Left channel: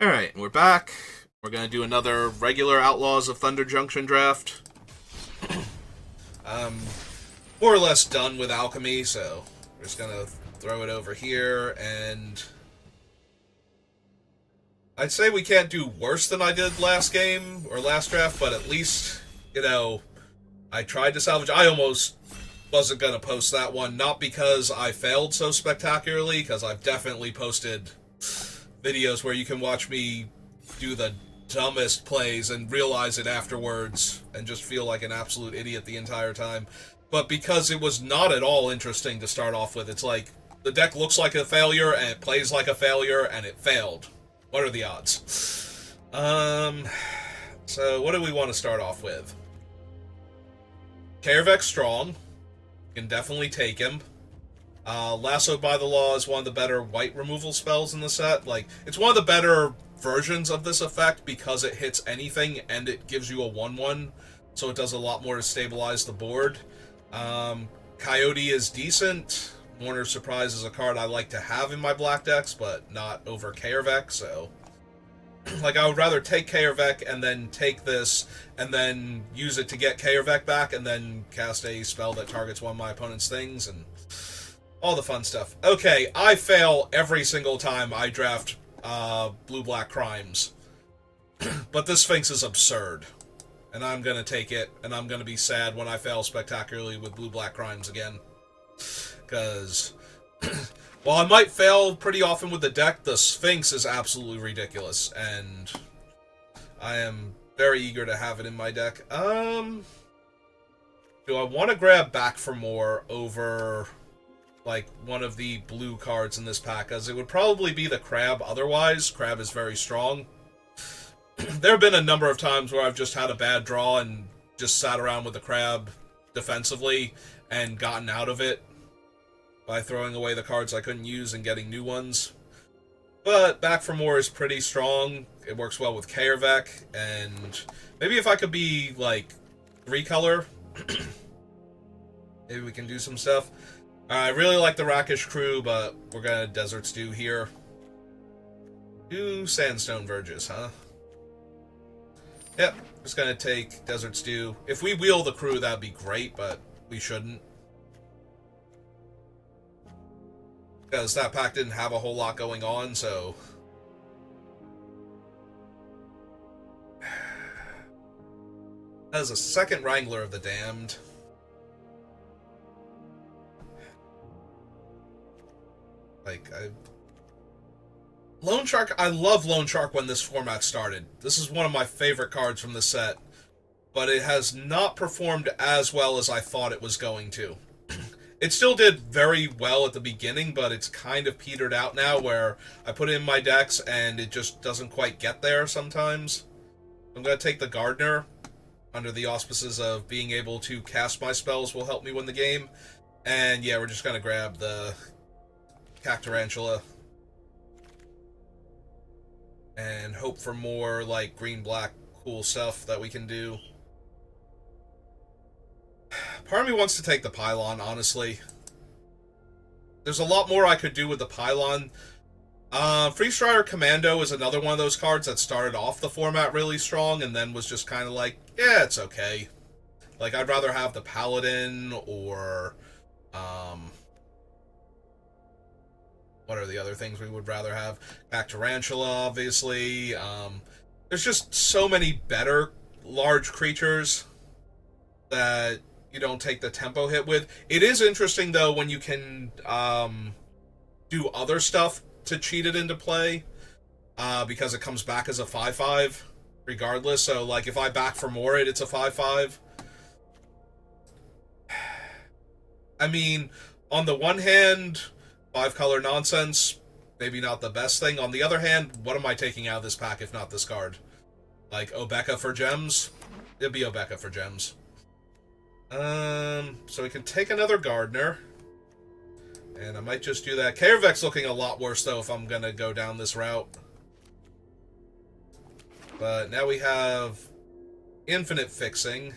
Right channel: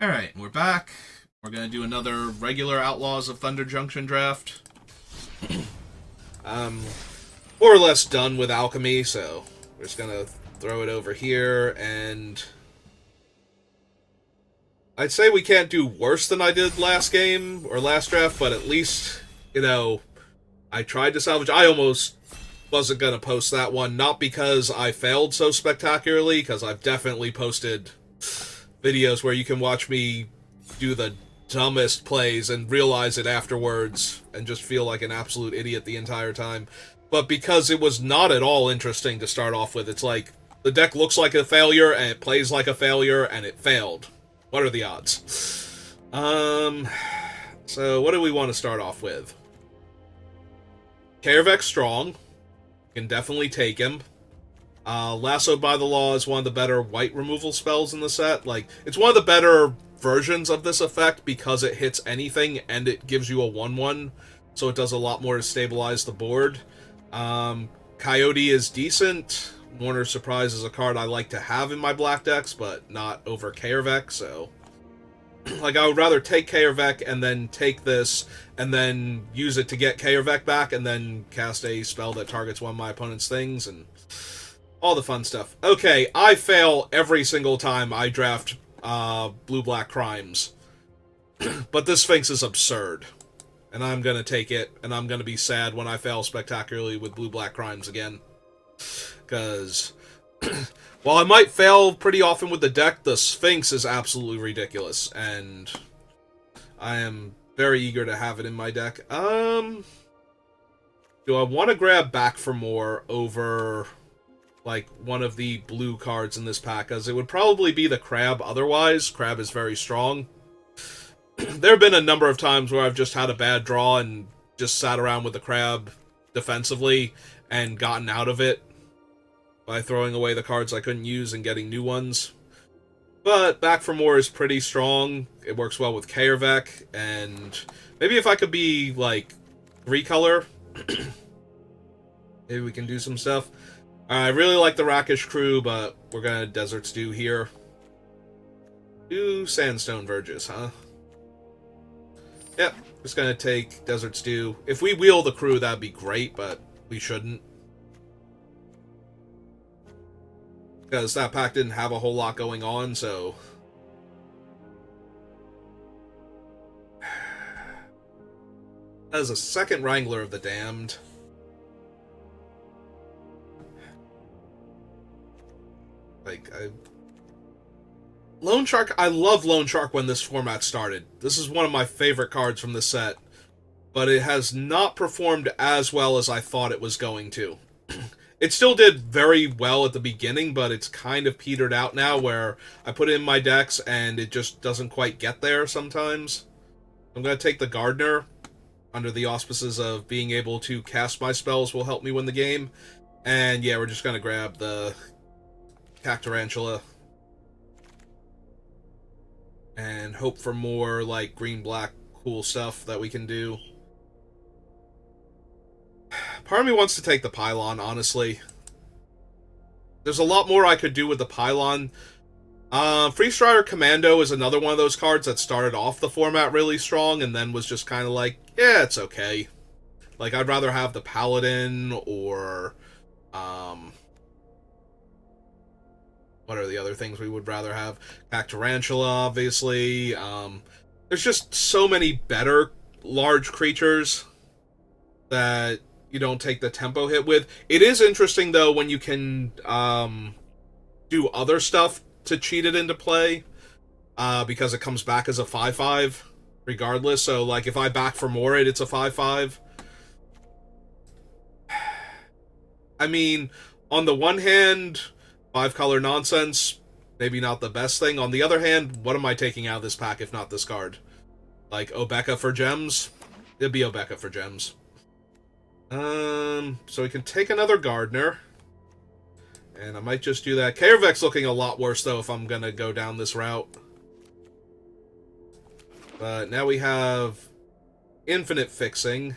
Alright, we're back. We're gonna do another regular Outlaws of Thunder Junction draft. I'm more or less done with alchemy, so we're just gonna throw it over here, and I'd say we can't do worse than I did last game, or last draft, but at least, I tried to salvage. I almost wasn't gonna post that one, not because I failed so spectacularly, because I've definitely posted videos where you can watch me do the dumbest plays and realize it afterwards and just feel like an absolute idiot the entire time. But because it was not at all interesting to start off with, it's like the deck looks like a failure and it plays like a failure and it failed. What are the odds? So what do we want to start off with? Karavek's strong. Can definitely take him. Lassoed by the Law is one of the better white removal spells in the set. Like, it's one of the better versions of this effect because it hits anything and it gives you a 1-1, so it does a lot more to stabilize the board. Coyote is decent. Mourner's Surprise is a card I like to have in my black decks, but not over Karavek, so... like, I would rather take Karavek and then take this, and then use it to get Karavek back, and then cast a spell that targets one of my opponent's things, and all the fun stuff. Okay, I fail every single time I draft blue-black crimes. But this Sphinx is absurd. And I'm gonna take it, and I'm gonna be sad when I fail spectacularly with blue-black crimes again. Because while I might fail pretty often with the deck, the Sphinx is absolutely ridiculous, and I am very eager to have it in my deck. Do I want to grab Back for More over like one of the blue cards in this pack, as it would probably be the Crab otherwise. Crab is very strong. There have been a number of times where I've just had a bad draw and just sat around with the Crab defensively and gotten out of it by throwing away the cards I couldn't use and getting new ones. But Back for More is pretty strong. It works well with Karavek, and maybe if I could be like 3-color, maybe we can do some stuff. I really like the Rakish Crew, but we're gonna Desert Stew here. 2 Sandstone Verges, huh? Yep, just gonna take Desert Stew. If we wheel the crew, that'd be great, but we shouldn't. Because that pack didn't have a whole lot going on, so... As a second Wrangler of the Damned... Loan Shark, I love Loan Shark when this format started. This is one of my favorite cards from the set. But it has not performed as well as I thought it was going to. It still did very well at the beginning, but it's kind of petered out now, where I put it in my decks and it just doesn't quite get there sometimes. I'm going to take the Gardener, under the auspices of being able to cast my spells will help me win the game. And yeah, we're just going to grab the Cactarantula and hope for more like green-black cool stuff that we can do. Part of me wants to take the Pylon, honestly. There's a lot more I could do with the Pylon. Freestrider Commando is another one of those cards that started off the format really strong and then was just kind of like, yeah, it's okay. Like, I'd rather have the Paladin or... what are the other things we would rather have? Cactarantula, obviously. There's just so many better large creatures that you don't take the tempo hit with. It is interesting, though, when you can do other stuff to cheat it into play, because it comes back as a 5/5 regardless. So, like, if I Back for More it's a 5/5. I mean, on the one hand, 5-color nonsense, maybe not the best thing. On the other hand, what am I taking out of this pack if not this card? Like, Obeka for gems? It'd be Obeka for gems. So we can take another Gardener. And I might just do that. Karavek's looking a lot worse, though, if I'm gonna go down this route. But now we have infinite fixing.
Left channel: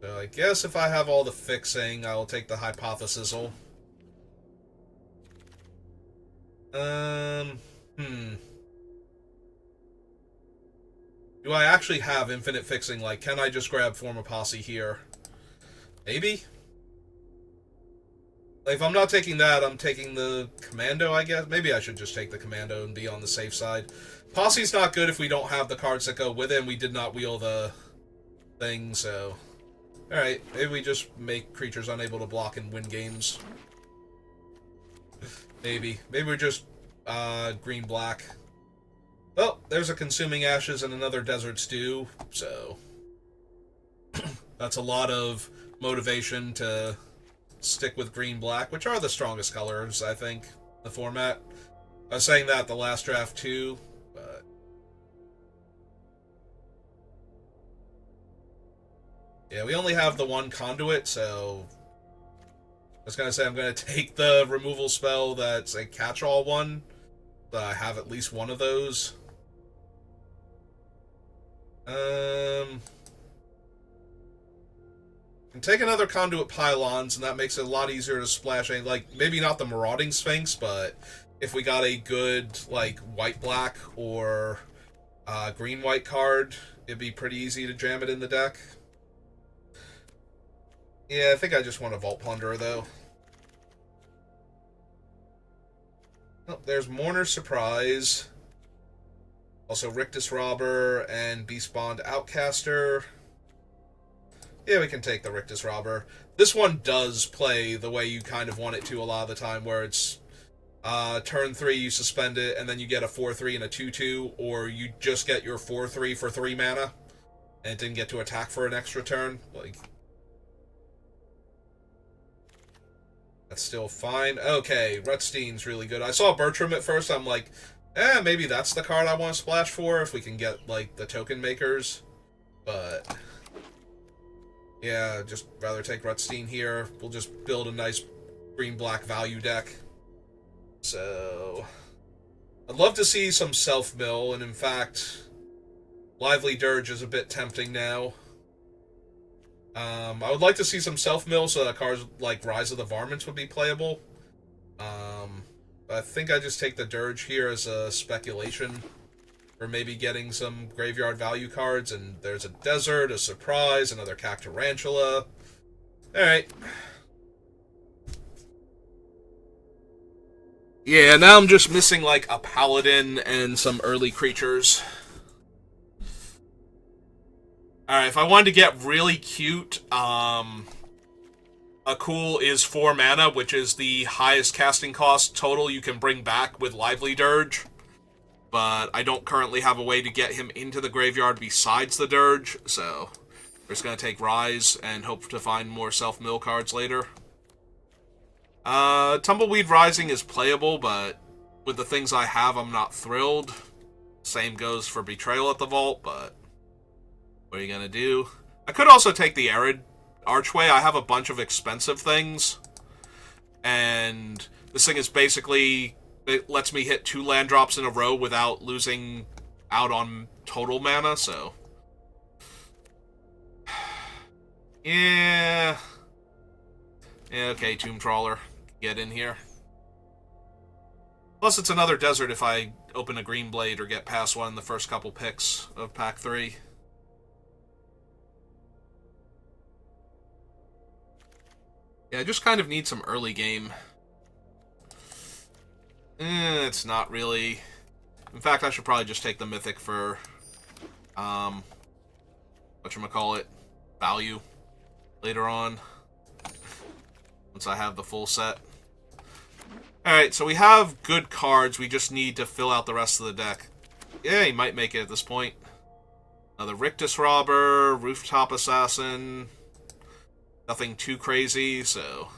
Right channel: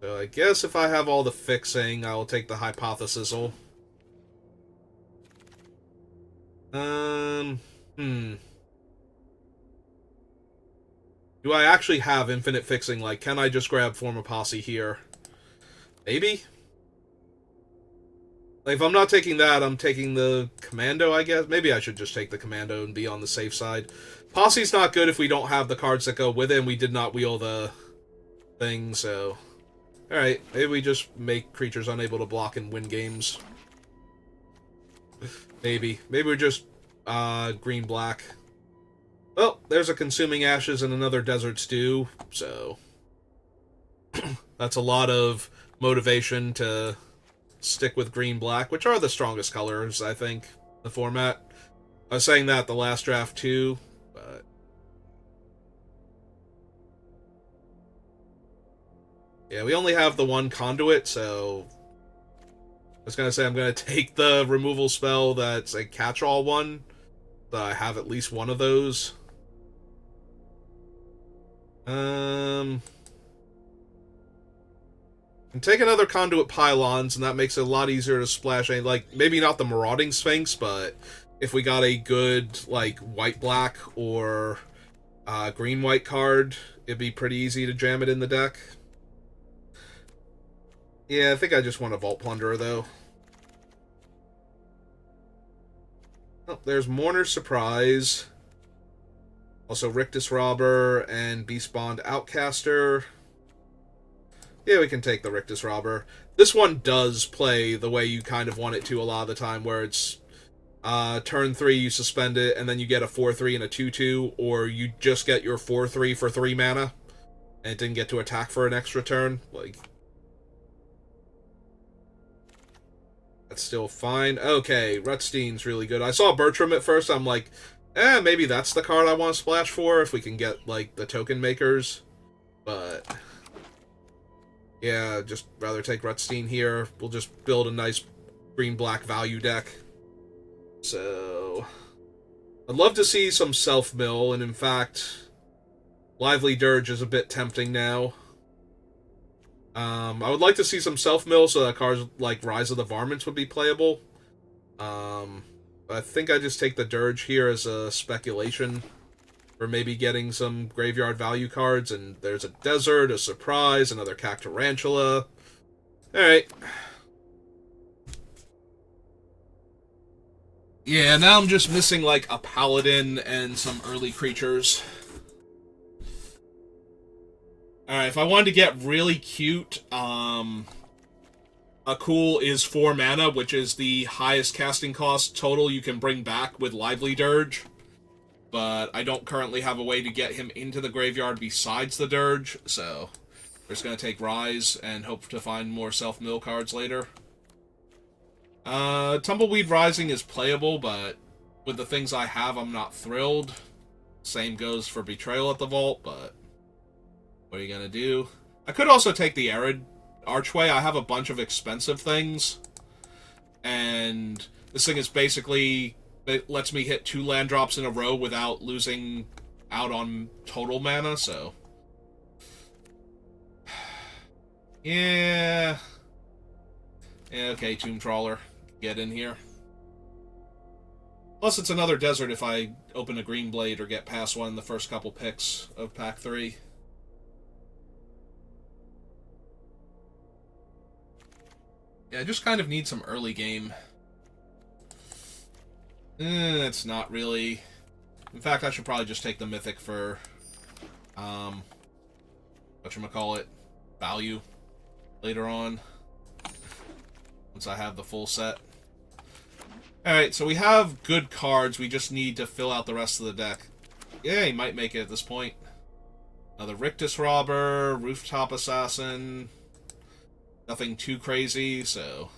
So I guess if I have all the fixing, I'll take the Hypothesisal. Hmm. Do I actually have infinite fixing? Like, can I just grab Form a Posse here? Maybe? Like, if I'm not taking that, I'm taking the Commando, I guess. Maybe I should just take the Commando and be on the safe side. Posse's not good if we don't have the cards that go with it, and we did not wheel the thing, so... Alright, maybe we just make creatures unable to block and win games. Maybe. Maybe we're just, green-black. Well, there's a Consuming Ashes and another Desert Stew, so... That's a lot of motivation to stick with green-black, which are the strongest colors, I think, in the format. I was saying that the last draft, too, but... Yeah, we only have the one Conduit, so... I was gonna say I'm gonna take the removal spell that's a catch-all one, so I have at least one of those. And take another Conduit Pylons, and that makes it a lot easier to splash any, like, maybe not the Marauding Sphinx, but if we got a good, like, white-black or green-white card, it'd be pretty easy to jam it in the deck. Yeah, I think I just want a Vault Plunderer, though. Oh, there's Mourner's Surprise. Also Rictus Robber and Beastbond Outcaster. Yeah, we can take the Rictus Robber. This one does play the way you kind of want it to a lot of the time, where it's turn 3, you suspend it, and then you get a 4-3 and a 2-2, or you just get your 4-3 for 3 mana, and it didn't get to attack for an extra turn. Like, that's still fine. Okay, Rutstein's really good. I saw Bertram at first, I'm like, maybe that's the card I want to splash for, if we can get, like, the token makers. But... yeah, just rather take Rutstein here. We'll just build a nice green-black value deck. So... I'd love to see some self-mill, and in fact, Lively Dirge is a bit tempting now. I would like to see some self-mill so that cards like Rise of the Varmints would be playable. I think I just take the Dirge here as a speculation for maybe getting some graveyard value cards, and there's a Desert, a Surprise, another Cactarantula. Alright. Yeah, now I'm just missing, like, a Paladin and some early creatures. Alright, if I wanted to get really cute, a cool is 4 mana, which is the highest casting cost total you can bring back with Lively Dirge. But I don't currently have a way to get him into the graveyard besides the Dirge, so we're just going to take Rise and hope to find more self-mill cards later. Tumbleweed Rising is playable, but with the things I have, I'm not thrilled. Same goes for Betrayal at the Vault, but what are you going to do? I could also take the Arid Archway. I have a bunch of expensive things, and this thing is basically... it lets me hit 2 land drops in a row without losing out on total mana, so... yeah... yeah, okay, Tomb Trawler. Get in here. Plus, it's another Desert if I open a Green Blade or get past one in the first couple picks of Pack 3. Yeah, I just kind of need some early game. It's not really... in fact, I should probably just take the Mythic for, whatchamacallit, value later on, once I have the full set. Alright, so we have good cards, we just need to fill out the rest of the deck. Yeah, he might make it at this point. Another Rictus Robber, Rooftop Assassin, nothing too crazy, so...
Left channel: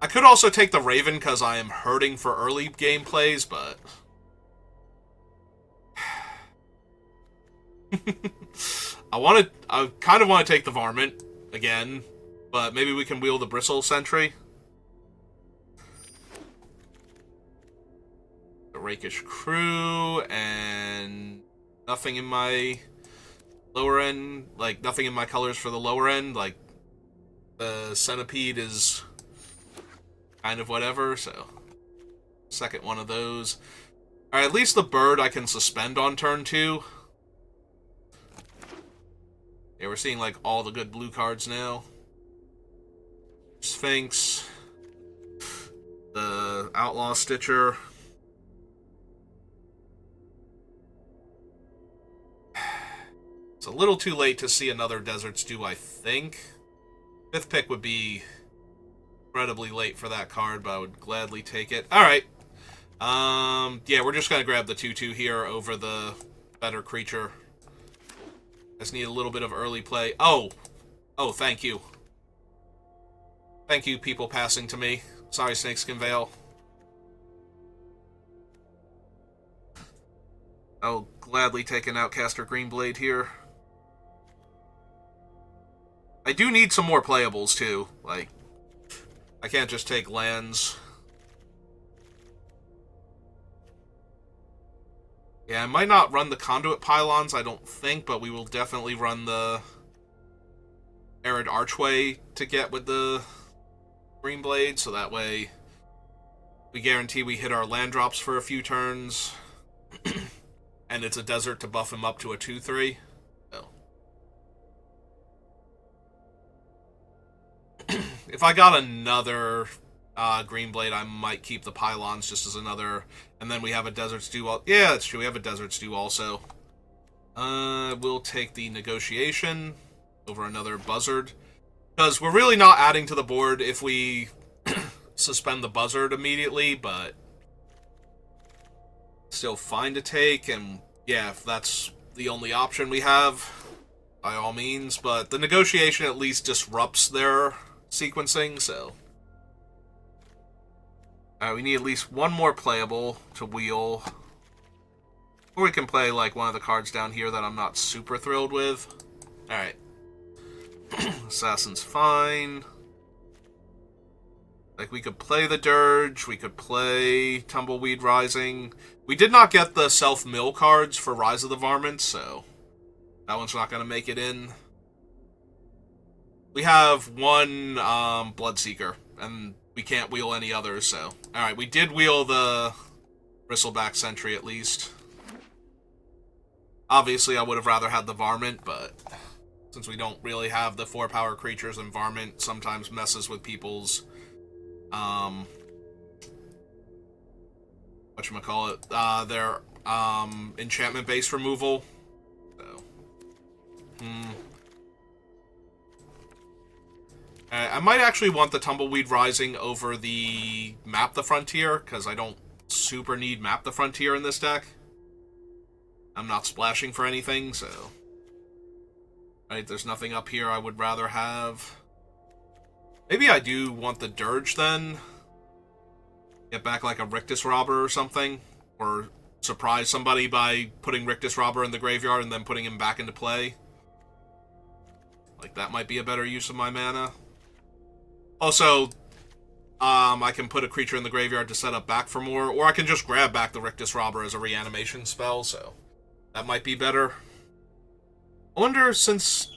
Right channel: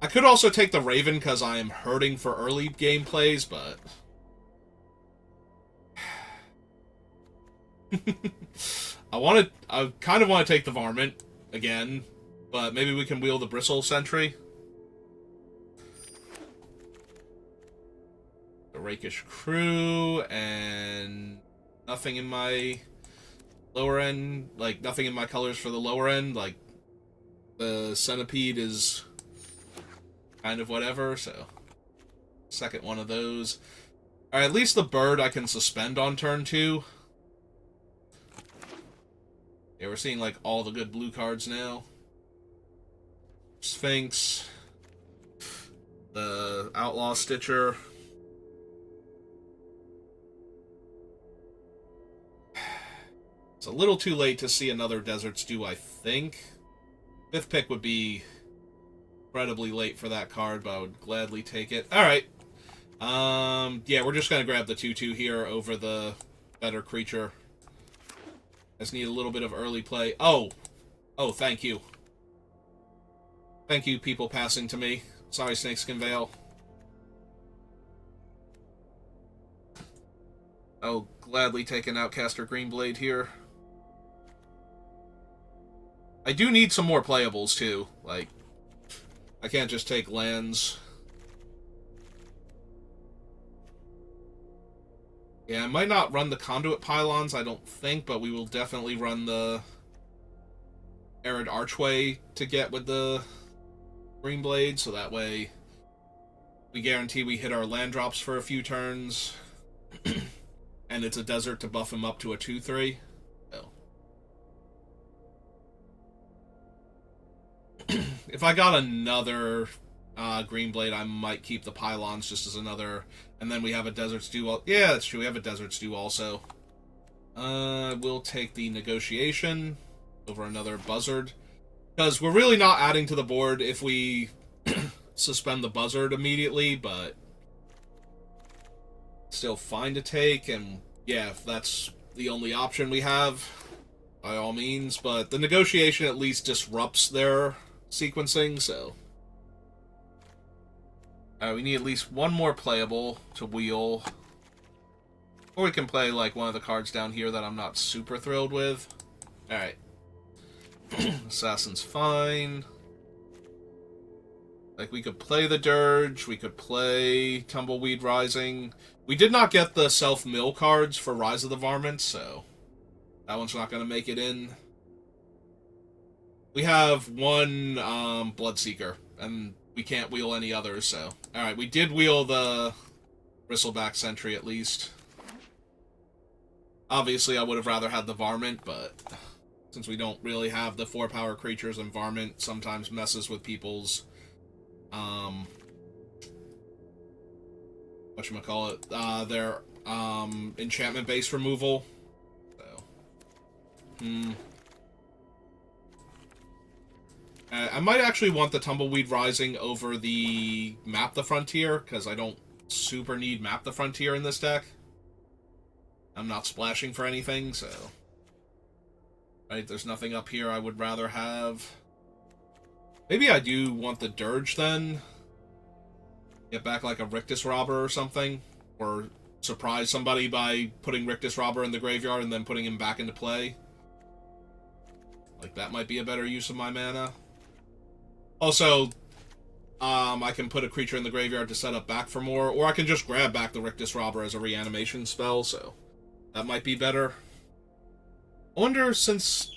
I could also take the Raven because I am hurting for early game plays, but... I kind of want to take the Varmint again, but maybe we can wheel the Bristle Sentry. The Rakish Crew, and nothing in my lower end, like, nothing in my colors for the lower end, like, the Centipede is... kind of whatever, so... Second one of those. Alright, at least the bird I can suspend on turn 2. Yeah, we're seeing, like, all the good blue cards now. Sphinx. The Outlaw Stitcher. It's a little too late to see another Desert Stew, I think. 5th pick would be incredibly late for that card, but I would gladly take it. Alright. Yeah, we're just gonna grab the 2/2 here over the better creature. I just need a little bit of early play. Oh, thank you. Thank you, people passing to me. Sorry, Snakeskin Veil. I'll gladly take an Outcaster Greenblade here. I do need some more playables, too. Like, I can't just take lands. Yeah, I might not run the Conduit Pylons, I don't think, but we will definitely run the Arid Archway to get with the Greenblade, so that way we guarantee we hit our land drops for a few turns. And it's a desert to buff him up to a 2/3. So. If I got another Greenblade, I might keep the Pylons just as another... And then we have a Desert Stew... Yeah, that's true. We have a Desert Stew also. We'll take the Negotiation over another Buzzard. Because we're really not adding to the board if we suspend the Buzzard immediately, but... Still fine to take, and yeah, if that's the only option we have, by all means. But the Negotiation at least disrupts their sequencing, so... we need at least one more playable to wheel. Or we can play, like, one of the cards down here that I'm not super thrilled with. Alright. Assassin's fine. Like, we could play the Dirge, we could play Tumbleweed Rising. We did not get the self-mill cards for Rise of the Varmint, so that one's not going to make it in. We have one Bloodseeker, and we can't wheel any others, so... Alright, we did wheel the Bristleback Sentry, at least. Obviously, I would have rather had the Varmint, but... Since we don't really have the 4-power creatures, and Varmint sometimes messes with people's... whatchamacallit? Their enchantment-based removal. So... I might actually want the Tumbleweed Rising over the Map the Frontier, because I don't super need Map the Frontier in this deck. I'm not splashing for anything, so... Right, there's nothing up here I would rather have. Maybe I do want the Dirge, then. Get back, like, a Rictus Robber or something. Or surprise somebody by putting Rictus Robber in the graveyard and then putting him back into play. Like, that might be a better use of my mana. Also, I can put a creature in the graveyard to set up back for more, or I can just grab back the Rictus Robber as a reanimation spell, so that might be better. I wonder, since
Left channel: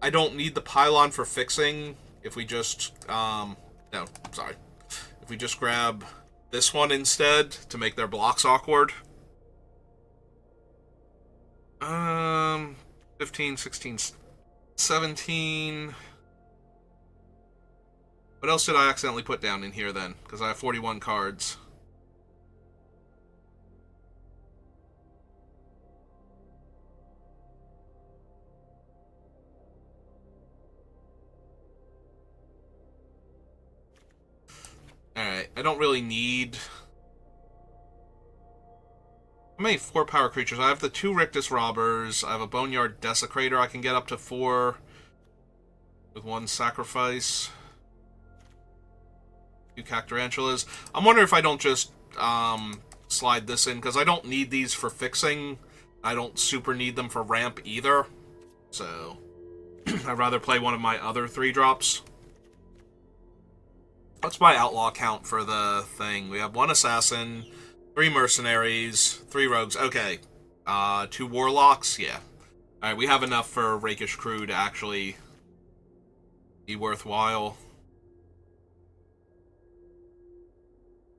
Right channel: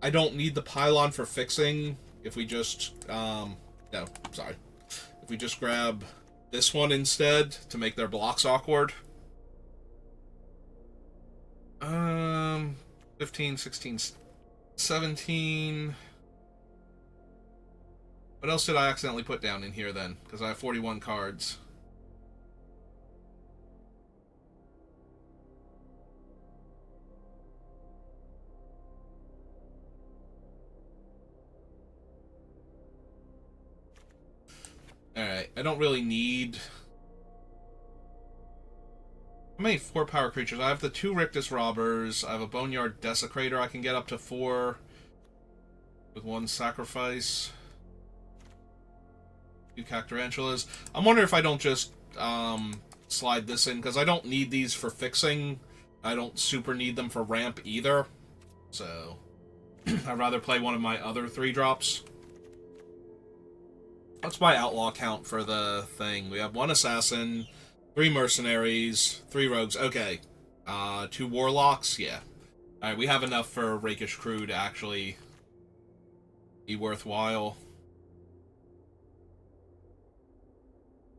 I don't need the Pylon for fixing, if we just, if we just grab this one instead to make their blocks awkward. 15, 16, 17... What else did I accidentally put down in here, then? Because I have 41 cards. Alright, I don't really need... How many 4-power creatures? I have the 2 Rictus Robbers. I have a Boneyard Desecrator I can get up to 4 with 1 sacrifice. 2 Cactarantulas. I'm wondering if I don't just slide this in, because I don't need these for fixing. I don't super need them for ramp either. So, I'd rather play one of my other 3-drops. What's my outlaw count for the thing? We have 1 Assassin, 3 Mercenaries, 3 Rogues. Okay. 2 Warlocks? Yeah. Alright, we have enough for Rakish Crew to actually be worthwhile.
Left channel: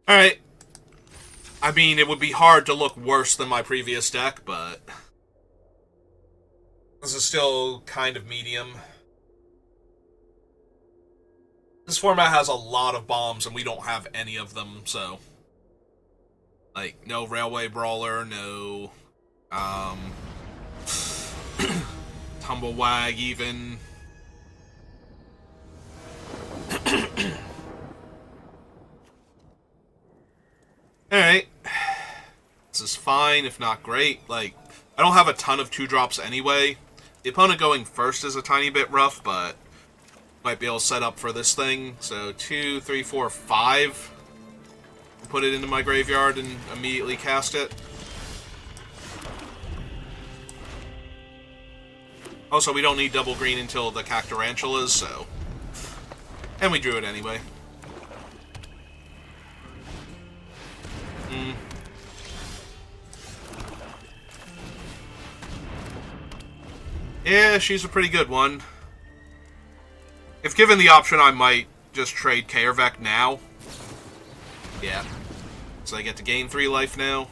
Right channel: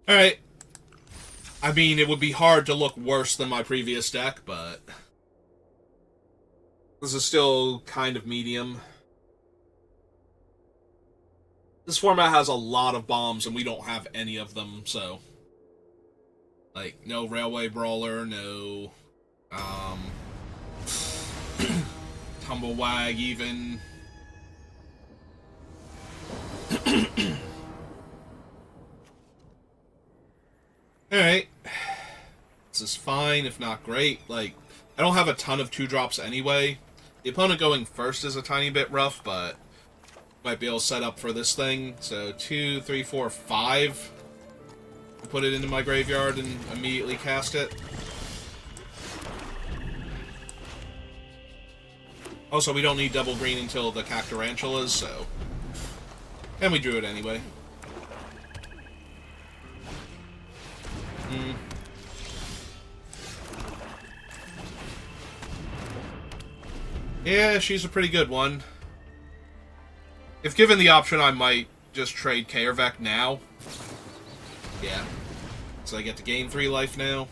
Alright. I mean, it would be hard to look worse than my previous deck, but this is still kind of medium. This format has a lot of bombs, and we don't have any of them, so... Like, no Railway Brawler, no... Tumblewag, even. Alright. This is fine, if not great. Like, I don't have a ton of 2-drops anyway. The opponent going first is a tiny bit rough, but might be able to set up for this thing. So 2, 3, 4, 5. Put it into my graveyard and immediately cast it. Also, we don't need double green until the Cactarantulas, so... And we drew it anyway. Yeah, she's a pretty good one. If given the option, I might just trade Kaervek now. Yeah. So I get to gain 3 life now.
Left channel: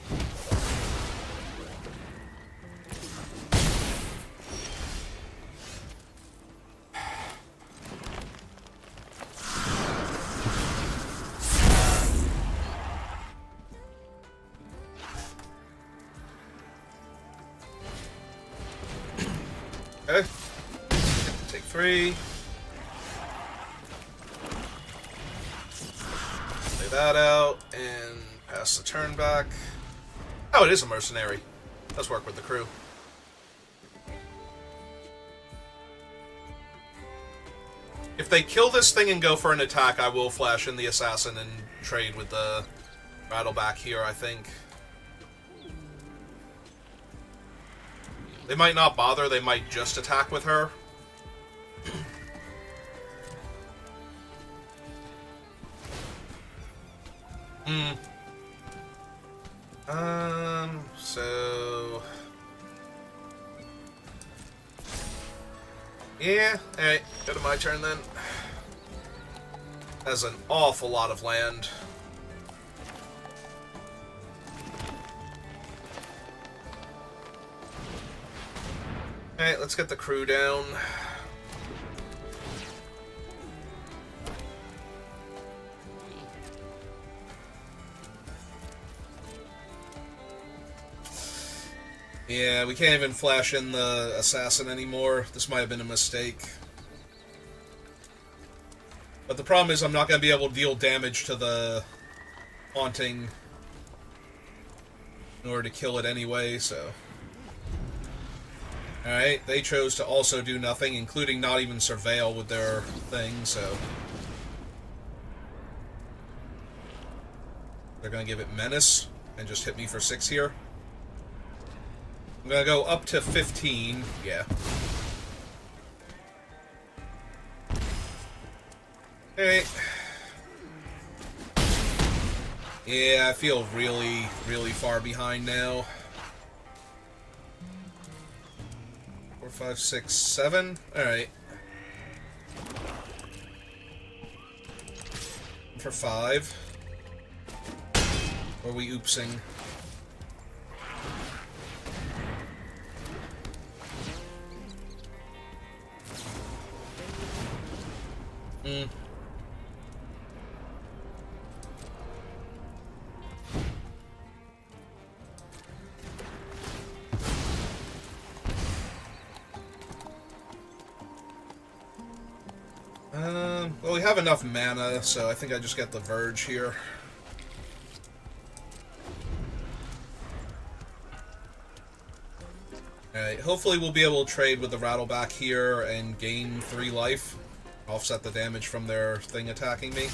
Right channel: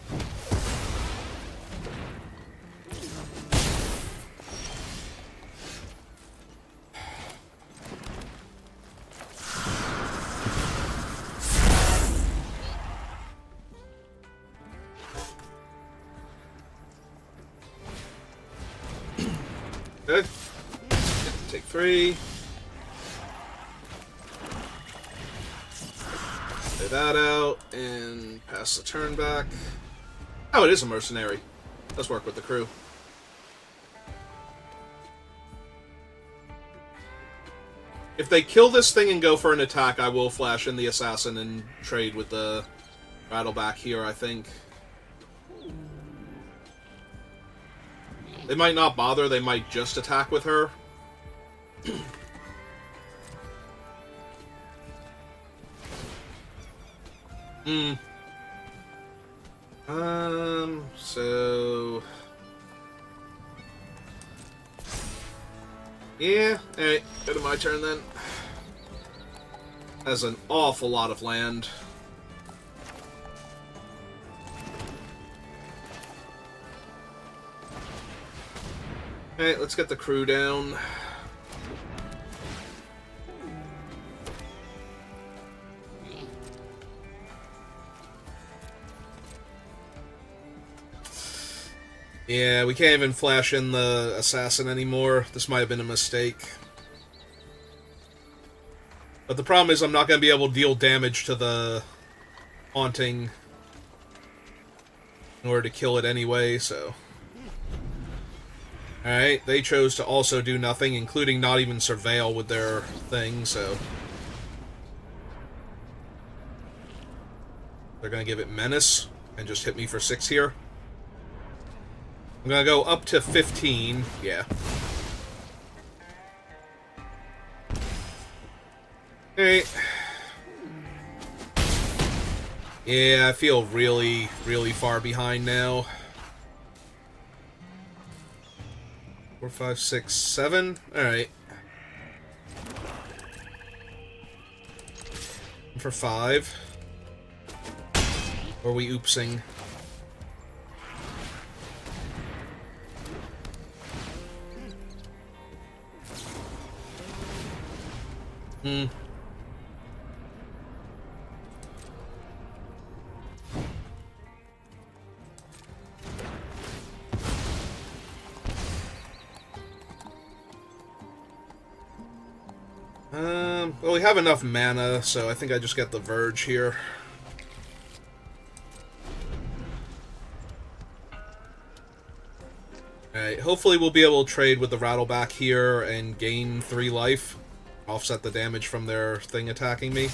Okay. Take 3. Lay that out, and pass the turn back. Oh, it is a mercenary. Let's work with the crew. If they kill this thing and go for an attack, I will flash in the assassin and trade with the Rattleback here, I think. They might not bother, they might just attack with her. So... Yeah, alright, go to my turn then. That's an awful lot of land. Alright, let's get the crew down. Yeah, we can't even flash in the assassin anymore. This might have been a mistake. But the problem is I'm not going to be able to deal damage to the haunting in order to kill it anyway, so... Alright, they chose to also do nothing, including not even surveil with their thing, so... They're gonna give it Menace, and just hit me for 6 here. I'm gonna go up to 15, yeah. Hey. Yeah, I feel really, really far behind now. 4, 5, 6, 7. Alright. For 5. Or are we oopsing? Well, we have enough mana, so I think I just get the Verge here. Alright, hopefully we'll be able to trade with the Rattleback here and gain 3 life. Offset the damage from their thing attacking me.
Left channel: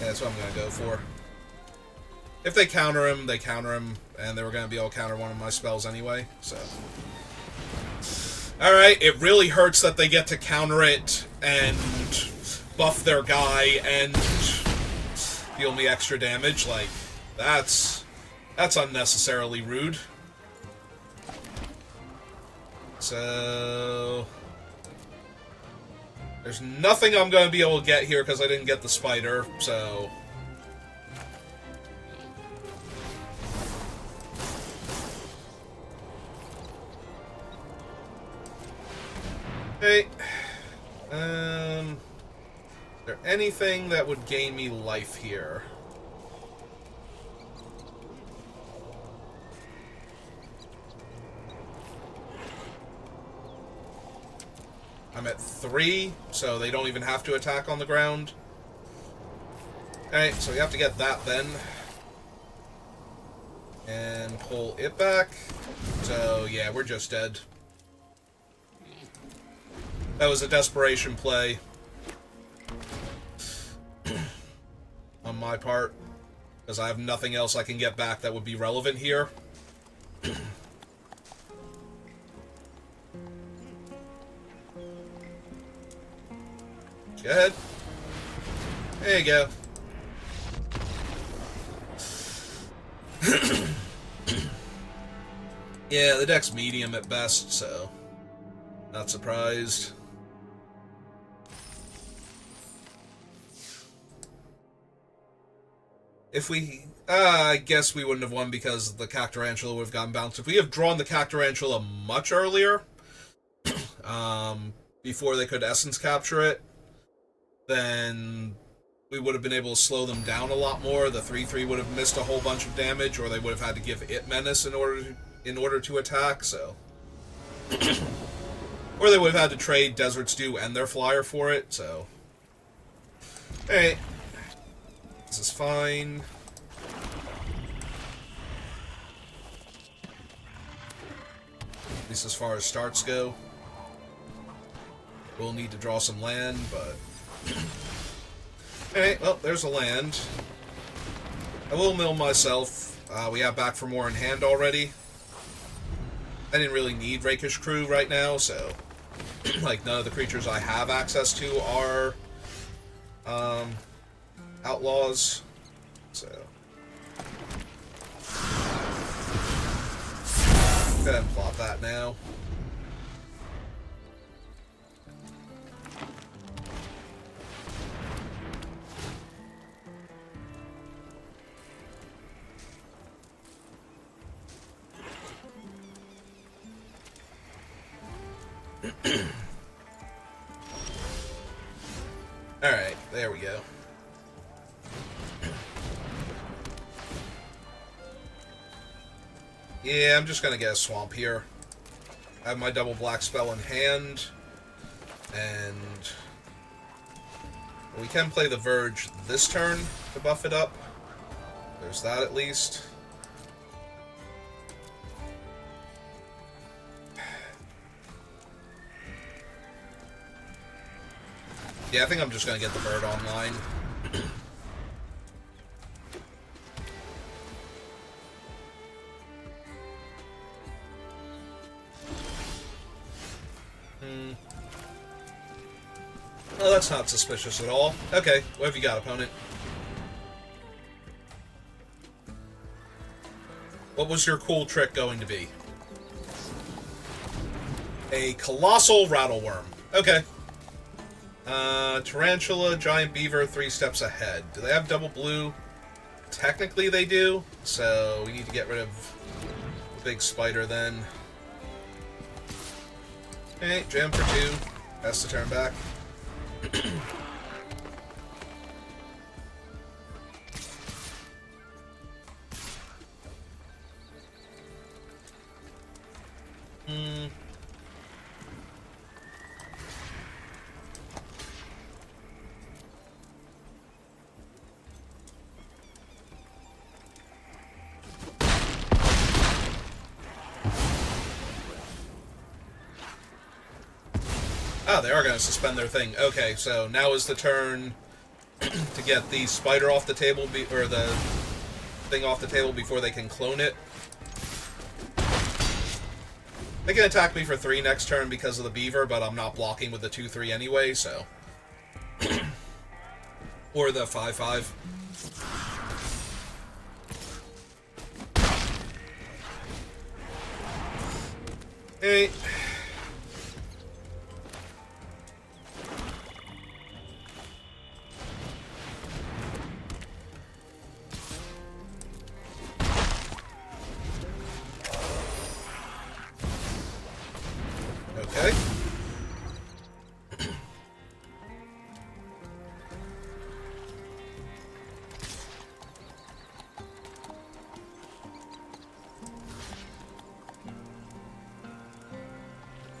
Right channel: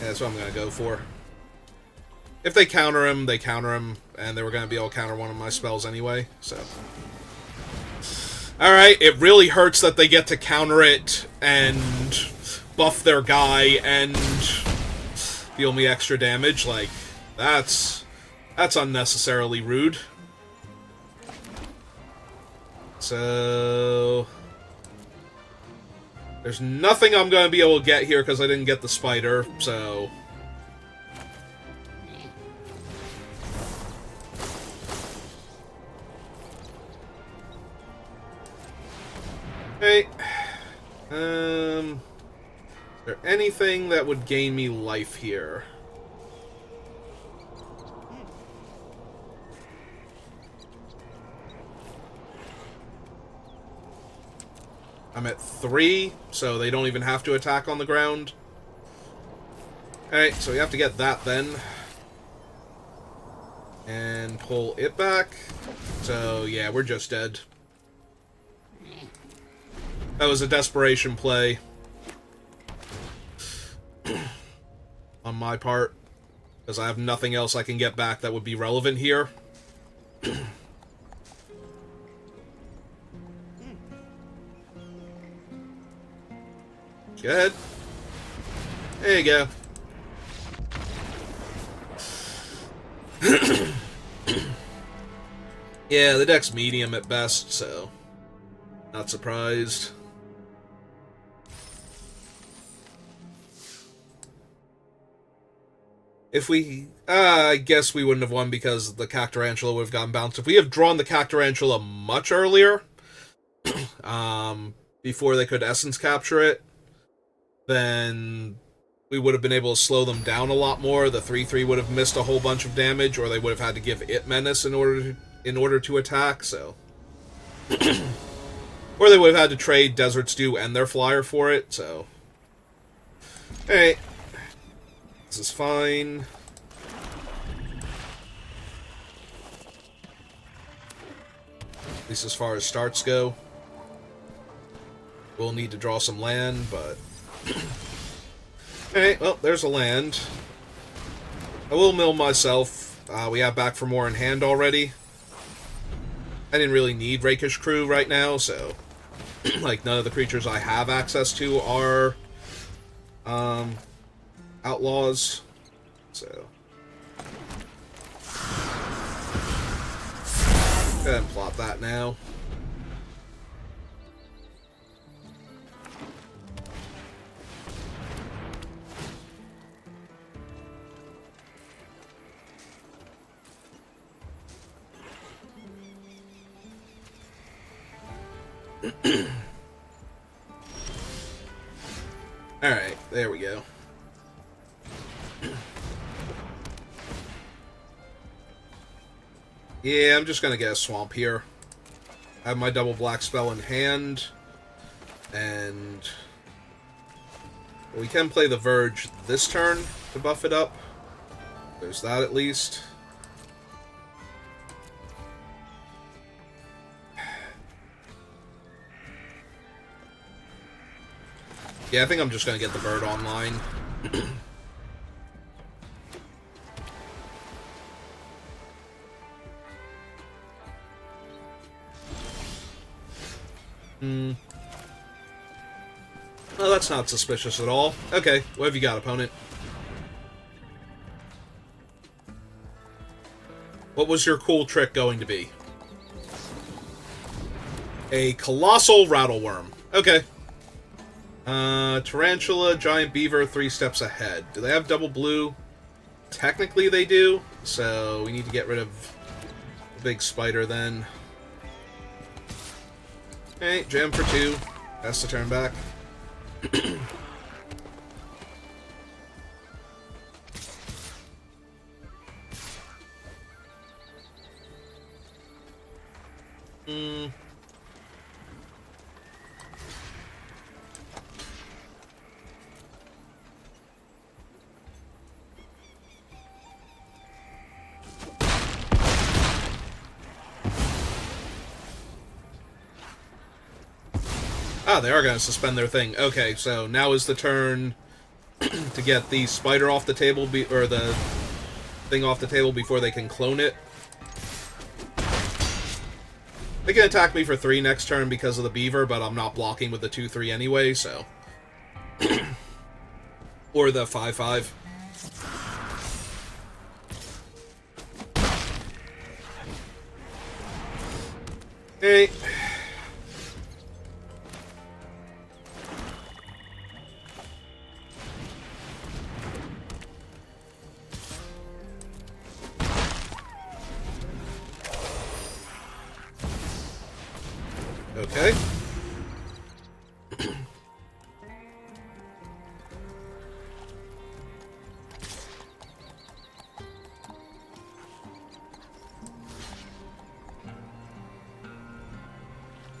And that's what I'm going to go for. If they counter him, they counter him, and they were going to be able to counter one of my spells anyway, so... Alright, it really hurts that they get to counter it and buff their guy and deal me extra damage. Like, that's unnecessarily rude. So... There's nothing I'm going to be able to get here because I didn't get the spider, so... anything that would gain me life here. I'm at 3, so they don't even have to attack on the ground. Alright, so we have to get that then. And pull it back. So, yeah, we're just dead. That was a desperation play. On my part. Because I have nothing else I can get back that would be relevant here. Go ahead. There you go. Yeah, the deck's medium at best, so not surprised. If we... I guess we wouldn't have won because the Cactarantula would have gotten bounced. If we have drawn the Cactarantula much earlier, before they could Essence Capture it, then we would have been able to slow them down a lot more. The 3/3 would have missed a whole bunch of damage, or they would have had to give it Menace in order to attack, so... Or they would have had to trade Desert Stew and their Flyer for it, so... Alright. This is fine. At least as far as starts go. We'll need to draw some land, but... Alright, well, there's a land. I will mill myself. We have back for more in hand already. I didn't really need Rakish Crew right now, so... like, none of the creatures I have access to are... Outlaws. So... go ahead and plot that now. Alright, there we go. Yeah, I'm just gonna get a swamp here. I have my double black spell in hand. And we can play the Verge this turn to buff it up. There's that at least. Yeah, I think I'm just going to get the bird online. Well, that's not suspicious at all. Okay, what have you got, opponent? What was your cool trick going to be? A colossal rattleworm. Okay. Tarantula, giant beaver, 3 steps ahead. Do they have double blue? Technically they do, so we need to get rid of the big spider then. Okay, jam for 2. Has to turn back. Ah, they are going to suspend their thing. Okay, so now is the turn to get the spider off the table, or the thing off the table before they can clone it. They can attack me for 3 next turn because of the beaver, but I'm not blocking with the 2/3 anyway, so... or the 5/5. Hey.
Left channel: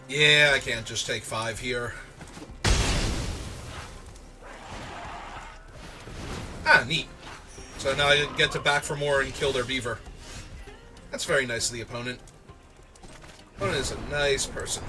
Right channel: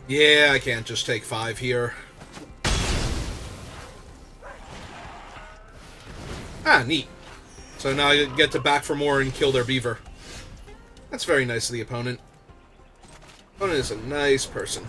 Yeah, I can't just take 5 here. Ah, neat. So now I get to back for more and kill their beaver. That's very nice of the opponent. Opponent is a nice person.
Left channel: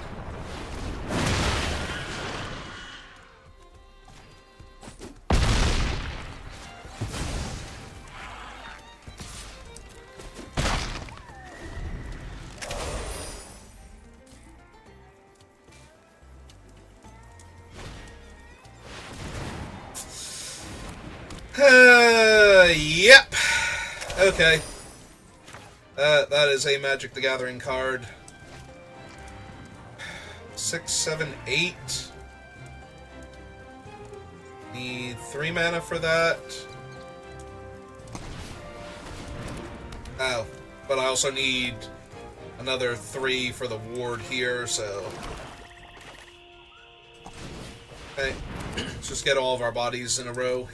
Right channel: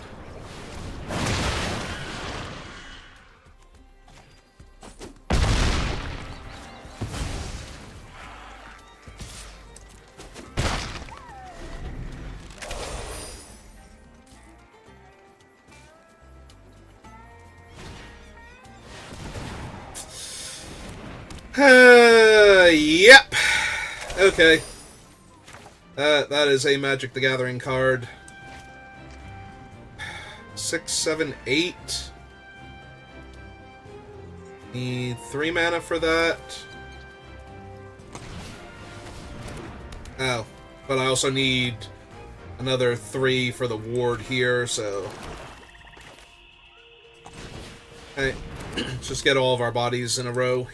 Yep. Okay. That is a Magic the Gathering card. 6, 7, 8. Need 3 mana for that. Oh, but I also need another 3 for the ward here, so... Okay, let's just get all of our bodies in a row.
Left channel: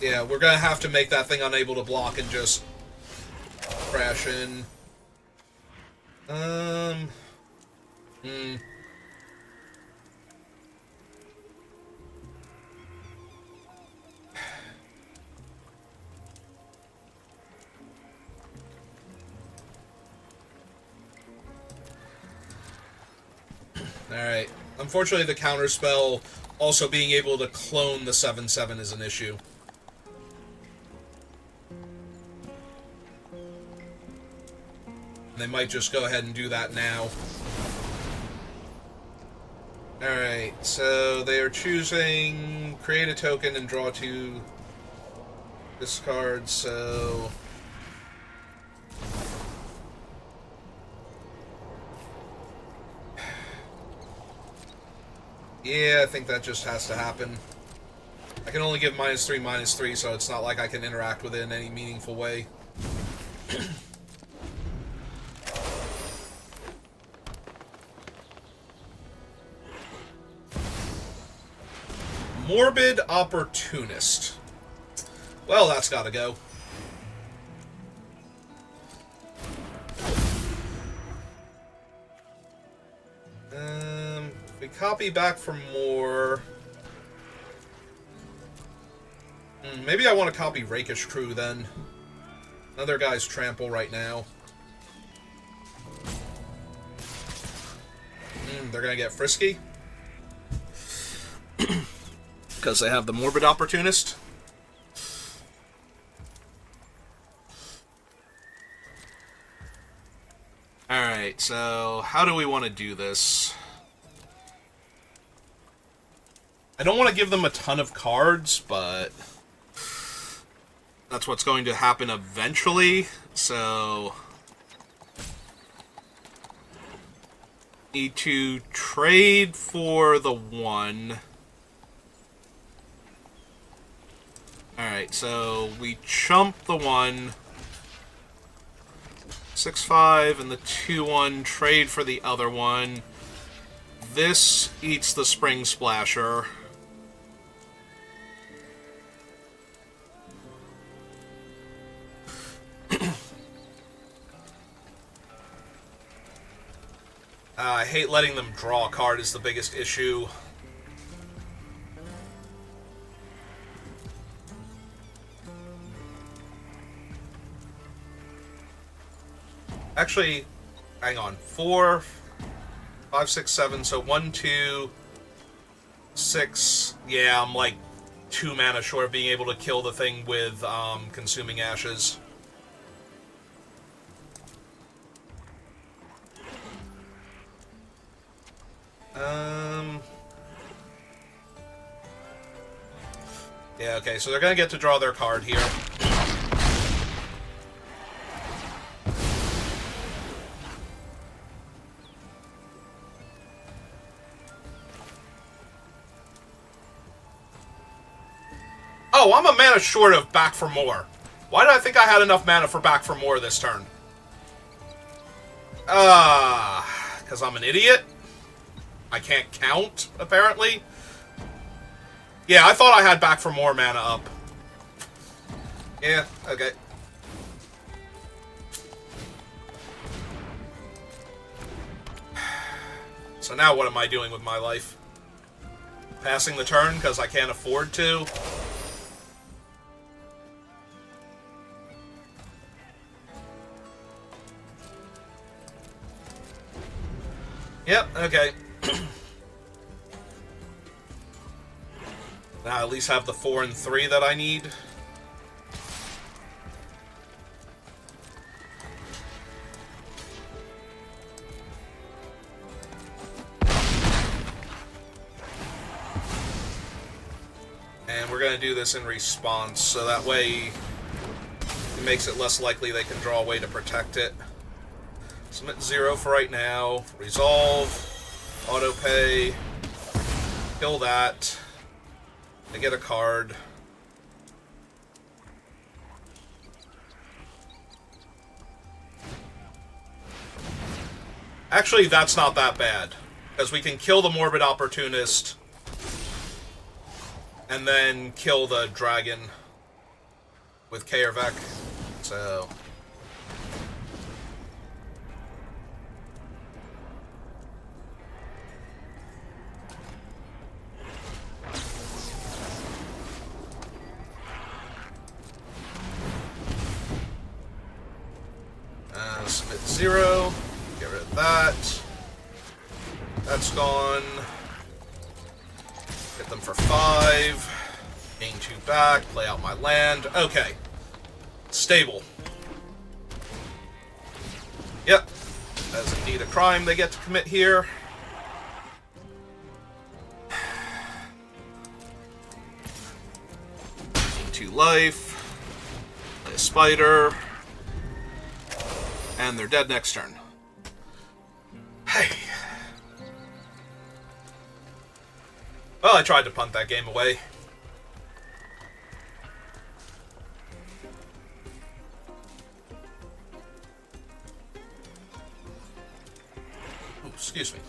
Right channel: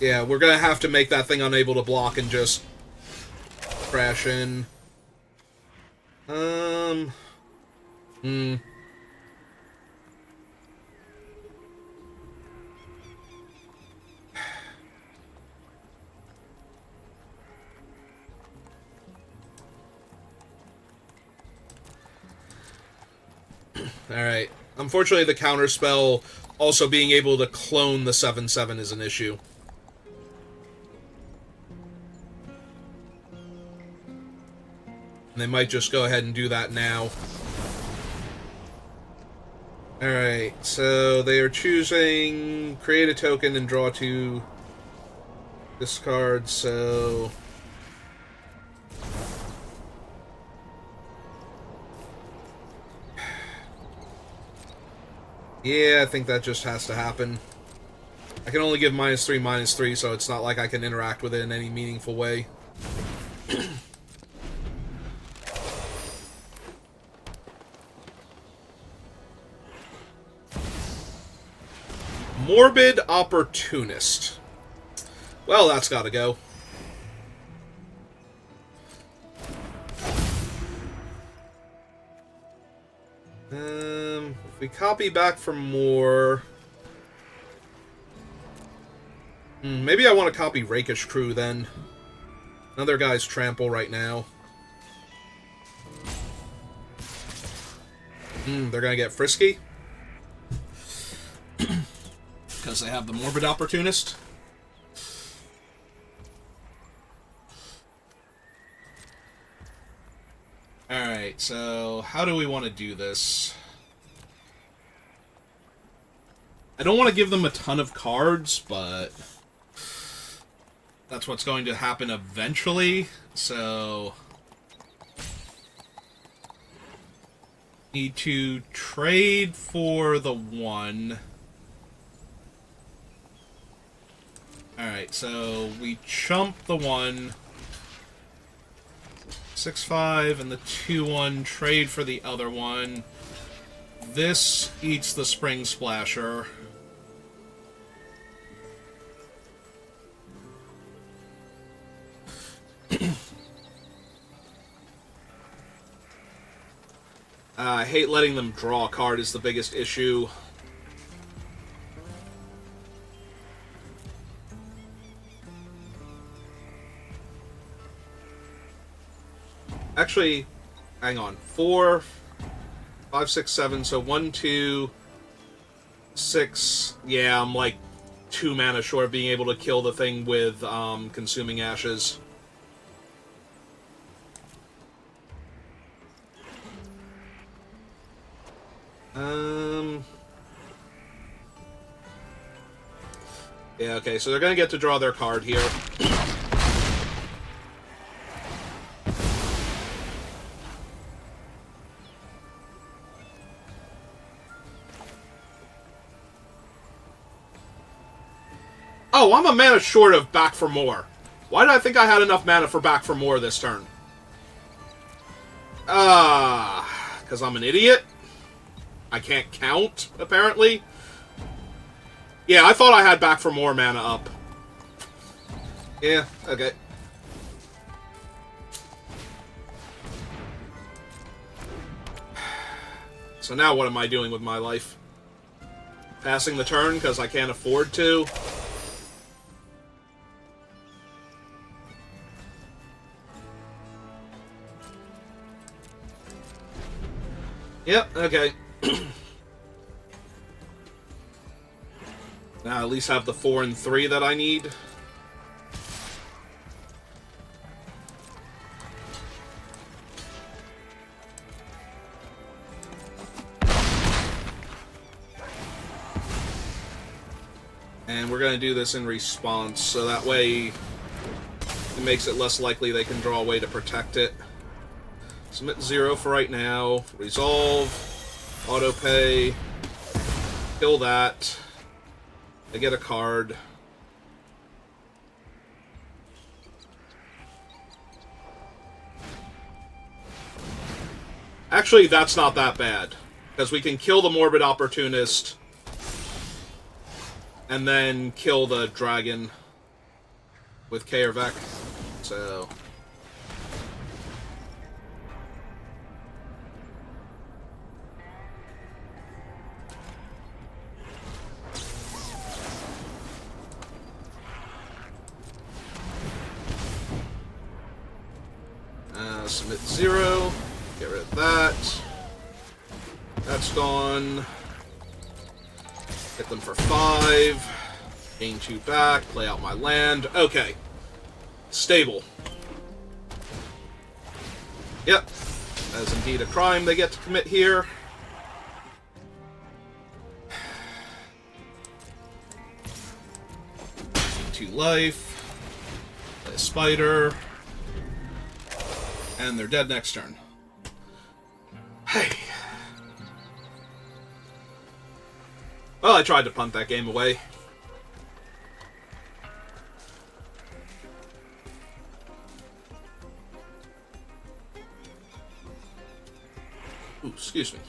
Yeah, we're gonna have to make that thing unable to block and just crash in. Alright. Unfortunately, the counterspell also being able to clone the 7/7 is an issue. They might just go ahead and do that now. Alright, so they are choosing create a token and draw 2 discards, so... Yeah, I think that just has to happen. I can only give -3/-3, so it's not like I can interact with it in any meaningful way. Morbid Opportunist. Well, that's gotta go. If we copy back for more... maybe I want to copy Rakish Crew, then. Another guy's trample right now. They're gonna get frisky. Because they have the Morbid Opportunist. Alright, so how do we want to do this? I don't want to give them a ton of cards, but that's what's going to happen eventually, so... Need to trade for the 1. Alright, so we chump the 1. 6/5 and the 2/1, trade for the other one. This eats the Spring Splasher. I hate letting them draw a card is the biggest issue. Actually, hang on. 4, 5, 6, 7. So 1, 2, 6. Yeah, I'm like 2 mana short of being able to kill the thing with Consuming Ashes. Yeah, okay, so they're gonna get to draw their card here. Oh, I'm a mana short of Back for More. Why did I think I had enough mana for Back for More this turn? Because I'm an idiot? I can't count, apparently. Yeah, I thought I had Back for More mana up. Yeah, okay. So now what am I doing with my life? Passing the turn because I can't afford to? Yep, okay. Now I at least have the 4 and 3 that I need. And we're going to do this in response, so that way it makes it less likely they can draw a way to protect it. Submit 0 for right now. Resolve. Auto pay. Kill that. I get a card. Actually, that's not that bad, because we can kill the Morbid Opportunist and then kill the dragon with Kaervek. So submit 0. Get rid of that. That's gone. Hit them for 5. Gain 2 back. Play out my land. Okay. Stable. Yep. That is indeed a crime they get to commit here. Gain 2 life. Play a spider. And they're dead next turn. Hey. Well, I tried to punt that game away. Ooh, excuse me.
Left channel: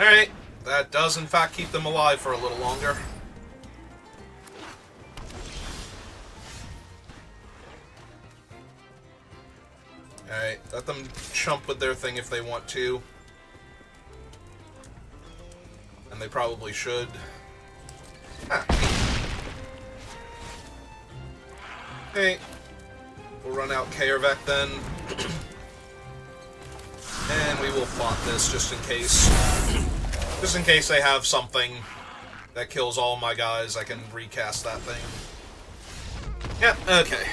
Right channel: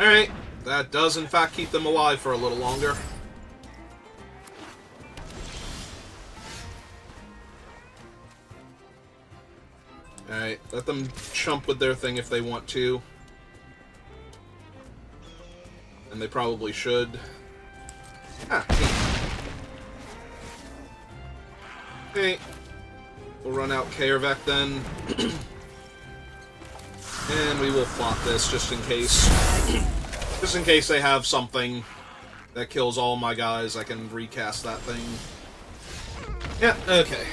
Alright, that does in fact keep them alive for a little longer. Alright, let them chump with their thing if they want to. And they probably should. Ah, okay. We'll run out Kaervek then. And we will plot this just in case. Just in case they have something that kills all my guys, I can recast that thing. Yeah, okay.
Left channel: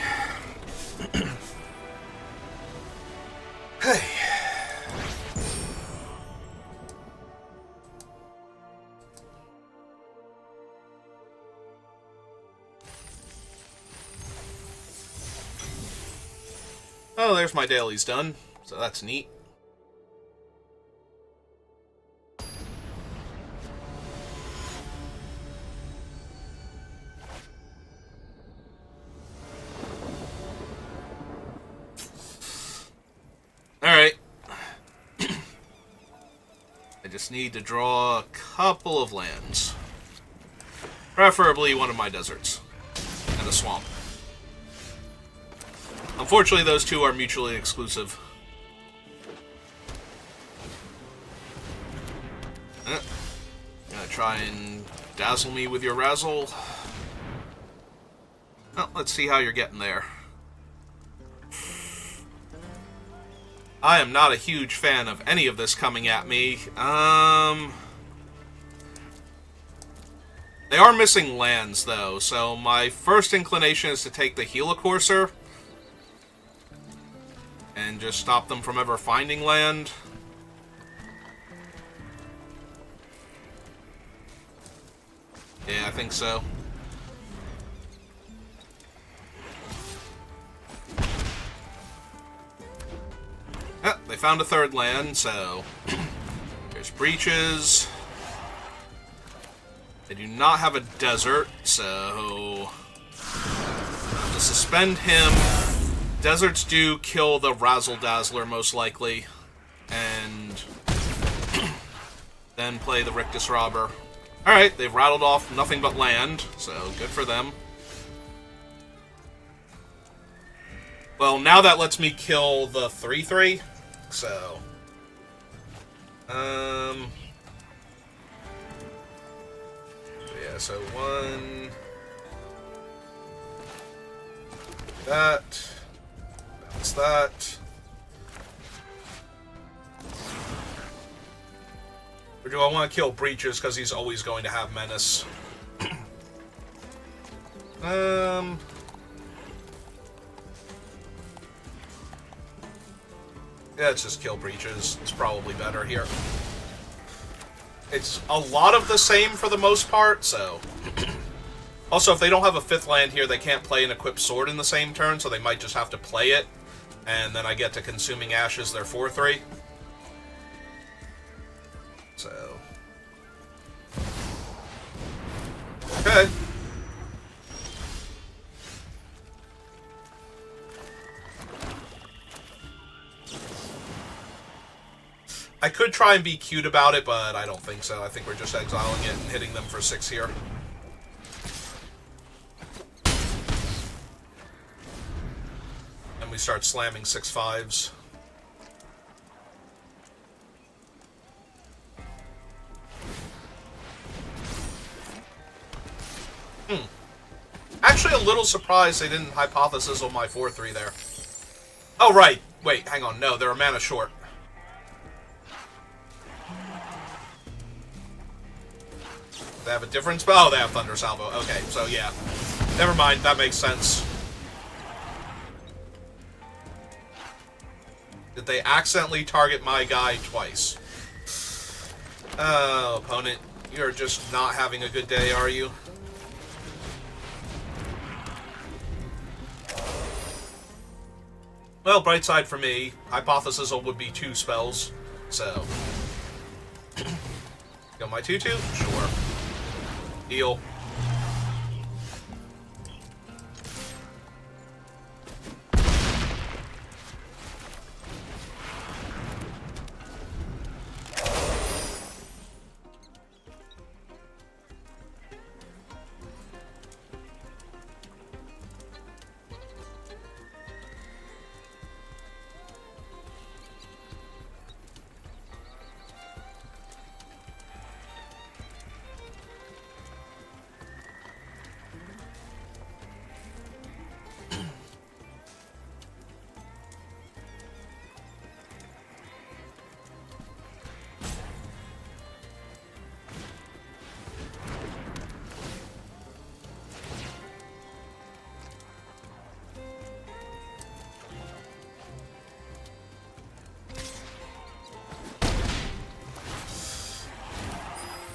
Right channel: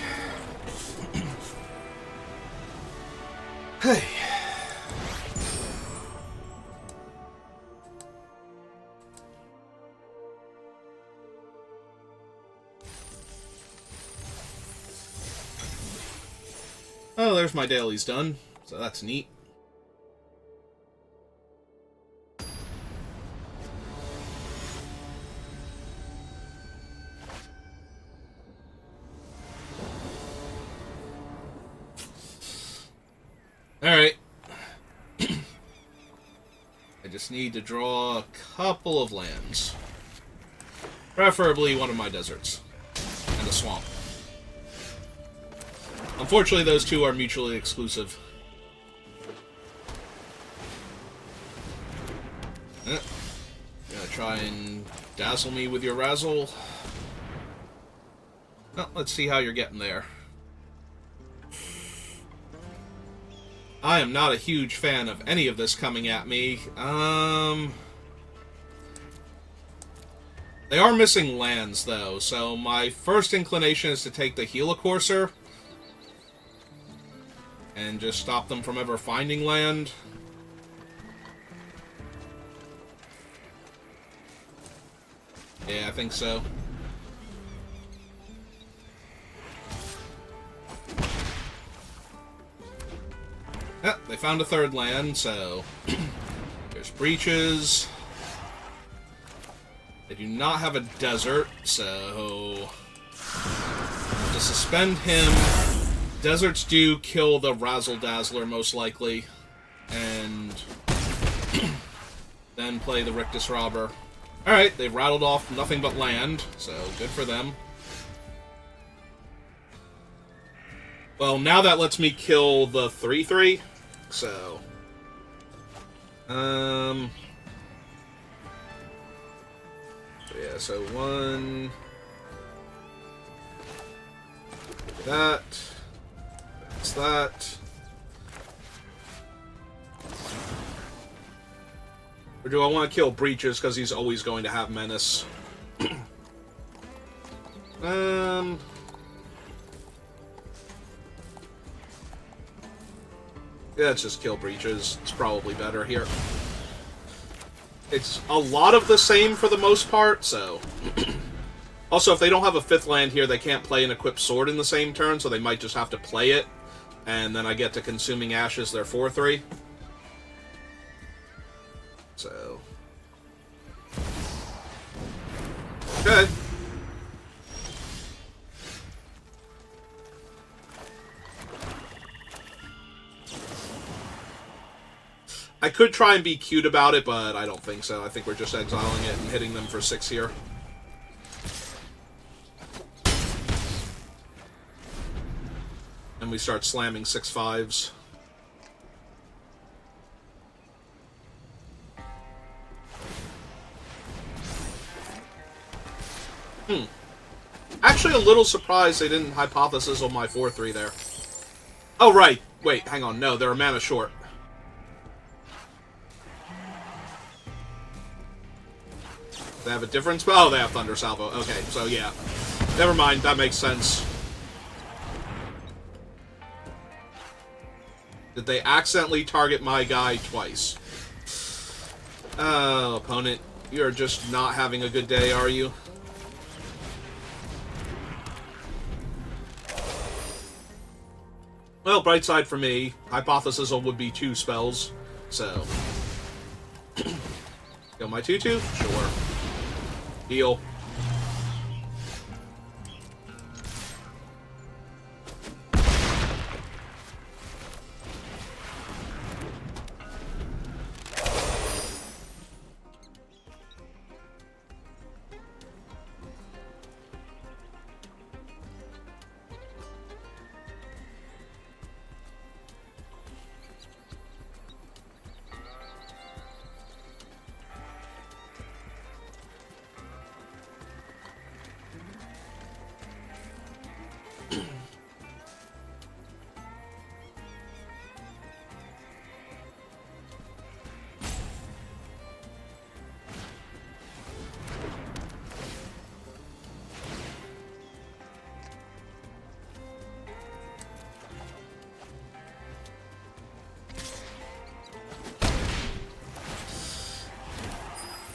Hey. Oh, there's my dailies done, so that's neat. Alright. I just need to draw a couple of lands. Preferably one of my deserts. And a swamp. Unfortunately, those two are mutually exclusive. Gonna try and dazzle me with your razzle. Well, let's see how you're getting there. I am not a huge fan of any of this coming at me. They are missing lands, though, so my first inclination is to take the Helicourser and just stop them from ever finding land. Yeah, I think so. Yeah, they found a third land, so there's breaches. They do not have a desert, so to suspend him. Deserts do kill the Razzle-Dazzler, most likely, and then play the Rictus Robber. Alright, they've rattled off nothing but land, so good for them. Well, now that lets me kill the 3/3, so... Yeah, so 1... That... That's that... Or do I want to kill Breaches because he's always going to have Menace? Yeah, let's just kill Breaches. It's probably better here. It's a lot of the same for the most part, so... Also, if they don't have a 5th land here, they can't play an equipped sword in the same turn, so they might just have to play it, and then I get to Consuming Ashes their 4/3. So... Okay. I could try and be cute about it, but I don't think so. I think we're just exiling it and hitting them for 6 here. And we start slamming 6/5s. Actually, a little surprised they didn't Hypothesis on my 4/3 there. Oh, right. Wait, hang on. No, they're a mana short. They have a different spell? Oh, they have Thunder Salvo. Okay, so yeah. Never mind, that makes sense. Did they accidentally target my guy twice? Oh, opponent. You're just not having a good day, are you? Well, bright side for me, Hypothesis would be 2 spells, so... Kill my 2/2? Sure. Deal.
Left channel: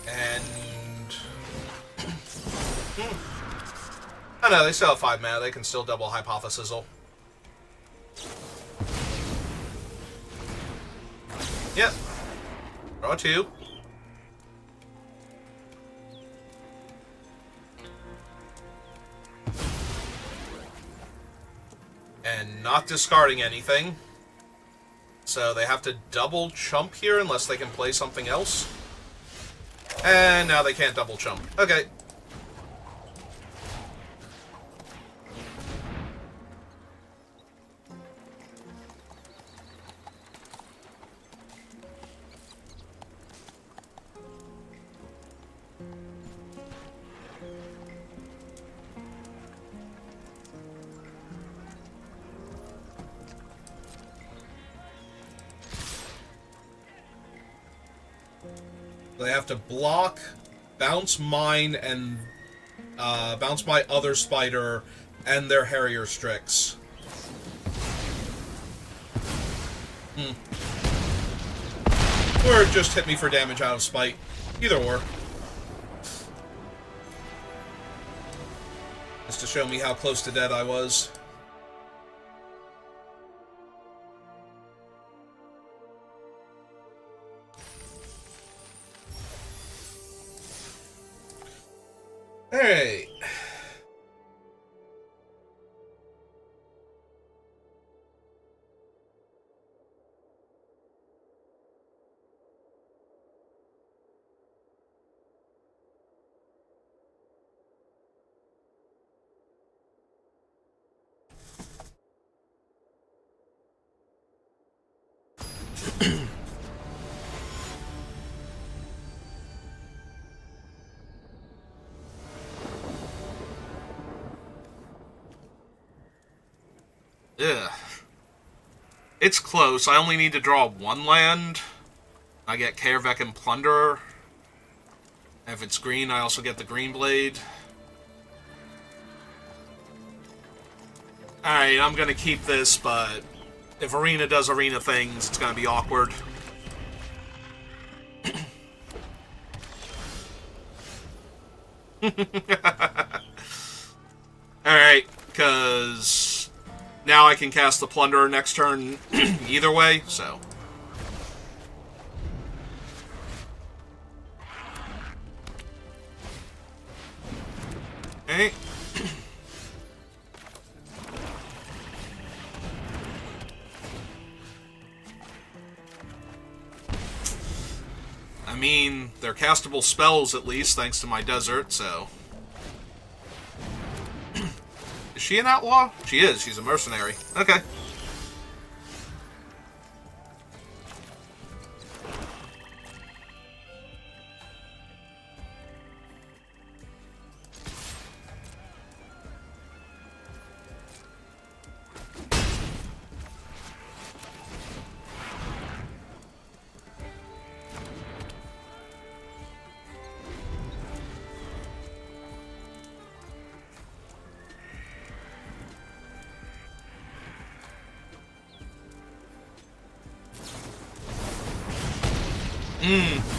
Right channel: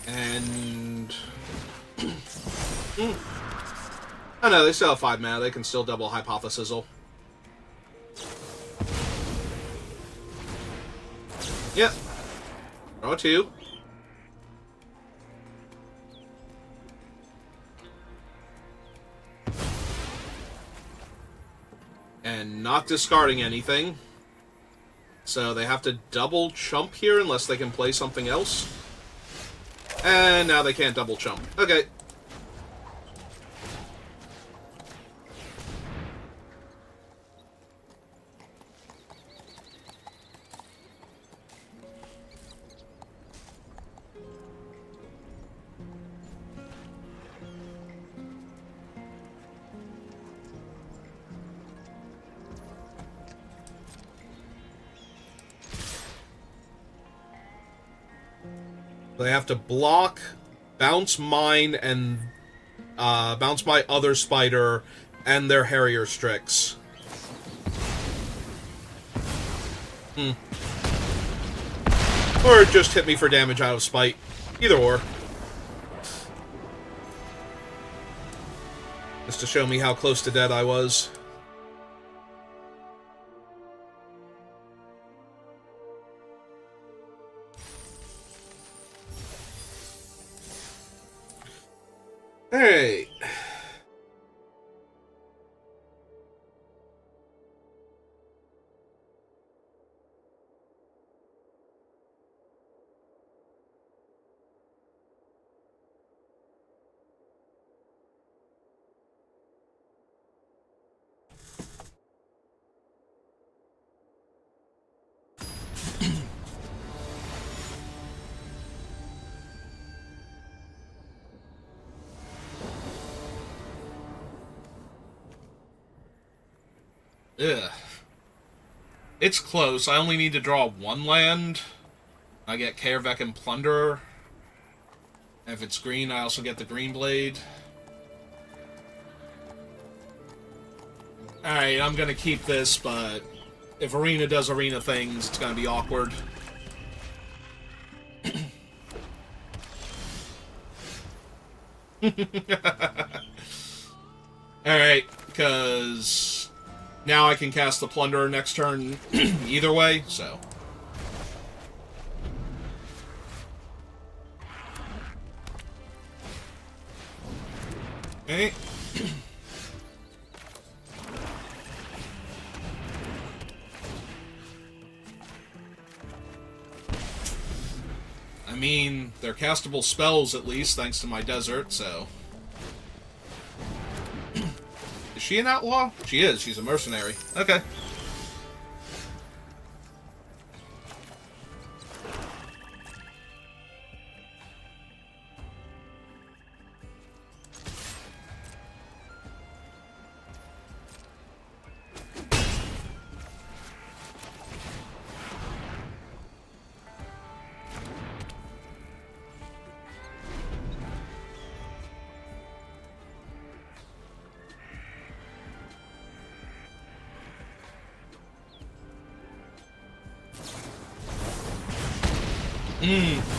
And... Oh no, they still have 5 mana. They can still double Hypothesis. Yep. Draw 2. And not discarding anything. So they have to double chump here unless they can play something else. And now they can't double chump. Okay. They have to block, bounce mine, and bounce my other spider, and their Harrier Strix. Or just hit me for damage out of spite. Either or. Just to show me how close to dead I was. Alright. Ugh. It's close. I only need to draw one land. I get Kaervek and Plunderer. And if it's green, I also get the Green Blade. Alright, I'm gonna keep this, but if Arena does Arena things, it's gonna be awkward. Alright, because now I can cast the Plunderer next turn either way, so. Okay. I mean, they're castable spells at least, thanks to my desert, so. Is she an outlaw? She is. She's a mercenary. Okay.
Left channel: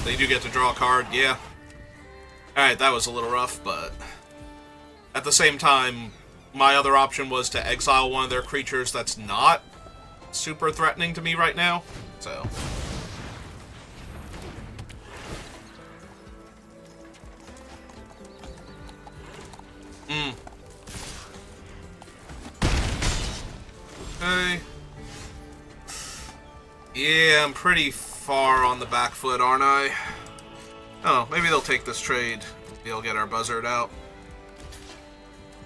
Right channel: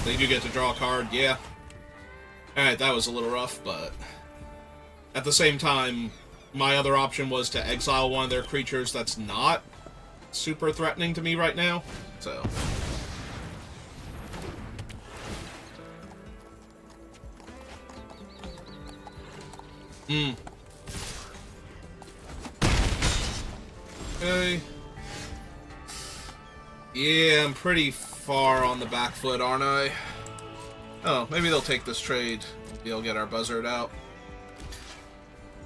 They do get to draw a card, yeah. Alright, that was a little rough, but at the same time, my other option was to exile one of their creatures that's not super threatening to me right now, so. Okay. Yeah, I'm pretty far on the back foot, aren't I? Oh, maybe they'll take this trade. They'll get our buzzard out.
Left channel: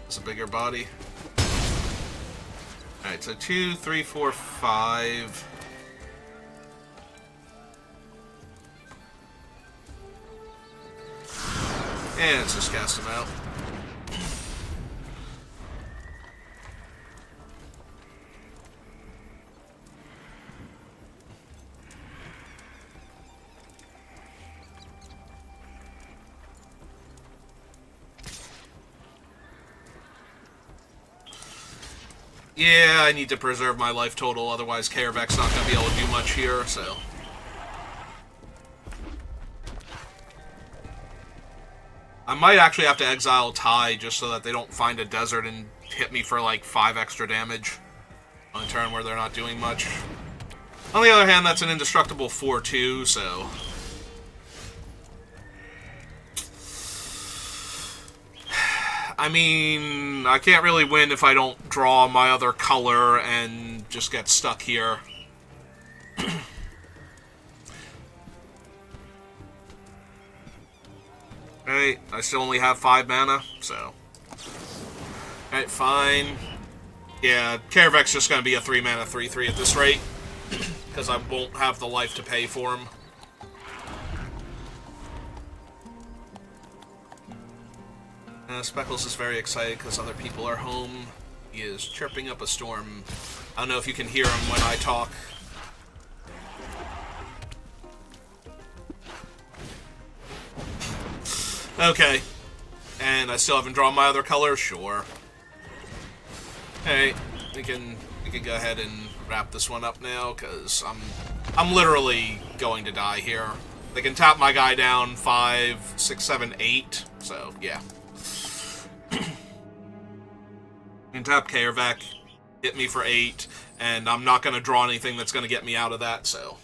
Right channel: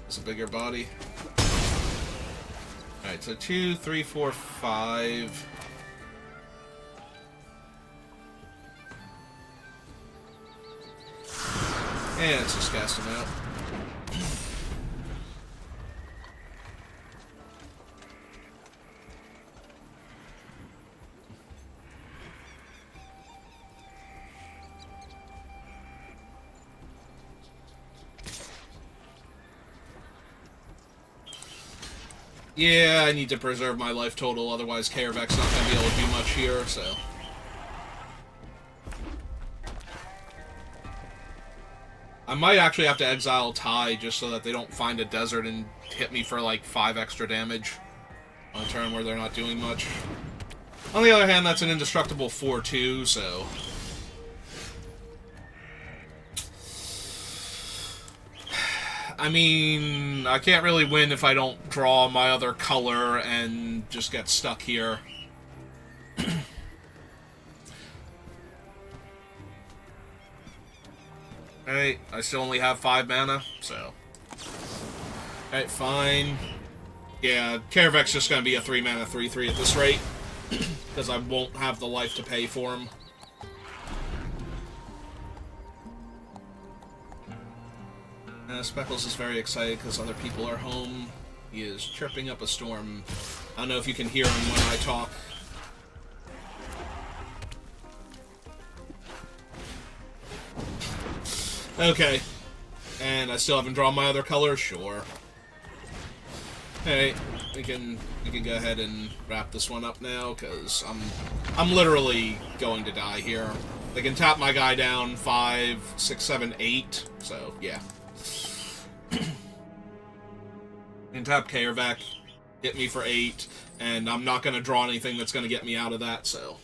It's a bigger body. Alright, so 2, 3, 4, 5. And let's just cast him out. Yeah, I need to preserve my life total, otherwise Kaervek's not going to be able to do much here, so. I might actually have to exile Ty just so that they don't find a desert and hit me for like 5 extra damage on a turn where they're not doing much. On the other hand, that's an indestructible 4/2, so. I mean, I can't really win if I don't draw my other color and just get stuck here. Alright, I still only have 5 mana, so. Alright, fine. Yeah, Kaervek's just gonna be a 3 mana 3/3 at this rate, because I won't have the life to pay for him. Speckles is very excited because other people are home. He is chirping up a storm. I don't know if you can hear him when I talk. Okay. And I still haven't drawn my other color? Sure. Hey, we can go ahead and wrap this one up now, because I'm literally going to die here. They can tap my guy down 5, 6, 7, 8, so yeah. And tap Kaervek, hit me for 8, and I'm not going to draw anything that's going to get me out of that, so.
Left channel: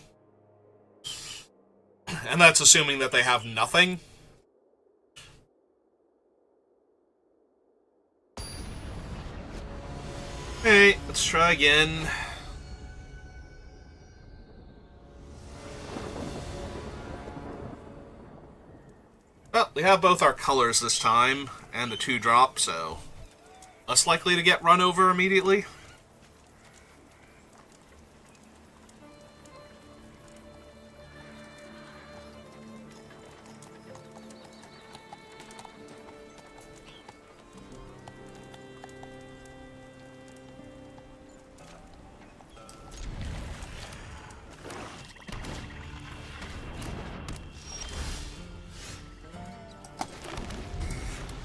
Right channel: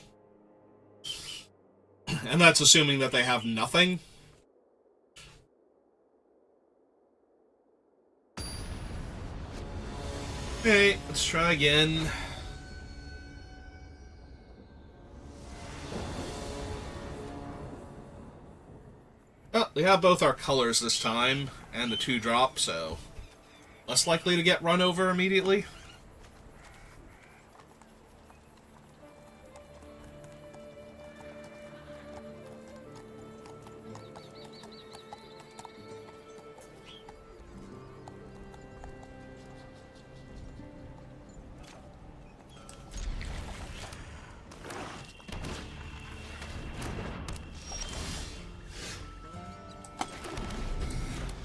And that's assuming that they have nothing. Okay, let's try again. Well, we have both our colors this time, and the 2-drop, so less likely to get run over immediately.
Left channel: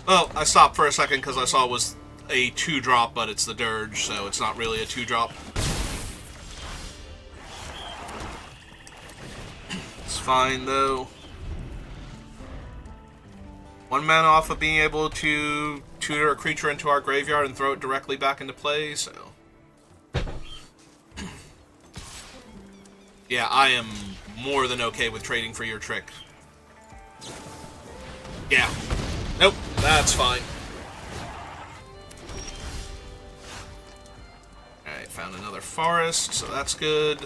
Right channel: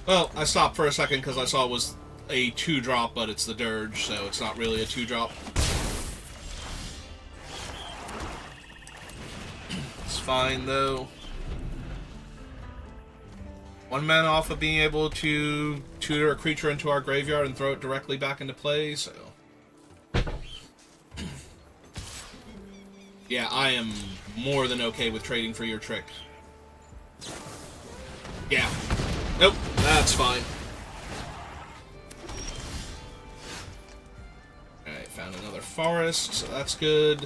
Well, I stopped for a second because I saw it was a 2-drop, but it's the Dirge, so it's not really a 2-drop. It's fine, though. 1 mana off of being able to tutor a creature into our graveyard and throw it directly back into play, so... Yeah, I am more than okay with trading for your trick. Yeah. Nope, that's fine. Alright, found another forest, so that's good.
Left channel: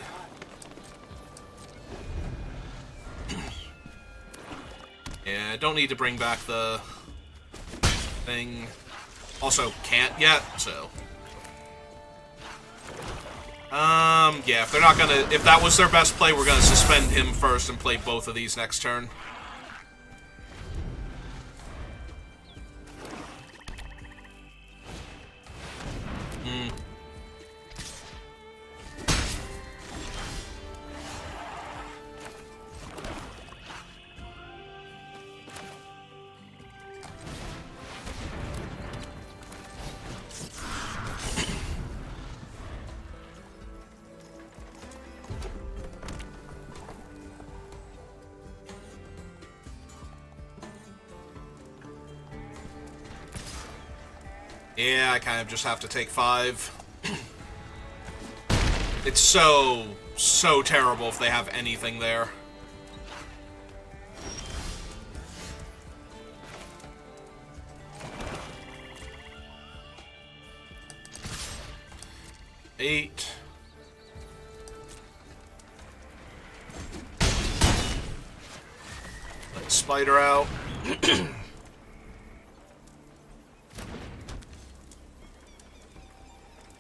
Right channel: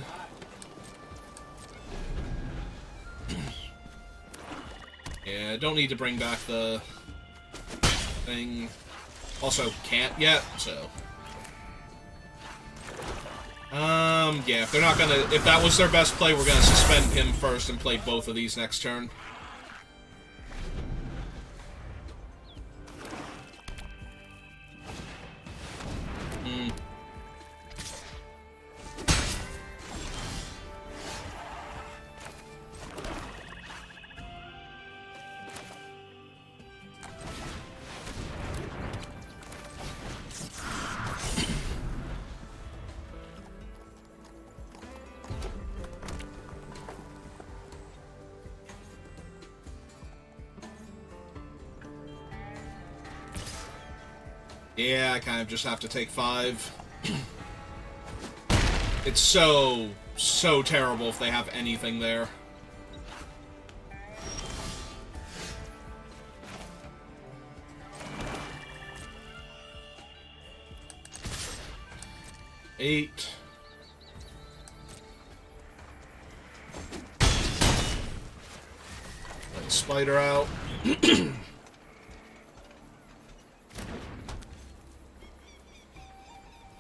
Yeah, don't need to bring back the thing. Also, can't yet, so... yeah, if they're not gonna... If that was their best play, we're gonna suspend him first and play both of these next turn. Yeah, I kind of just have to take 5. It's so terrible if they have anything there. Eight. Let Spider out.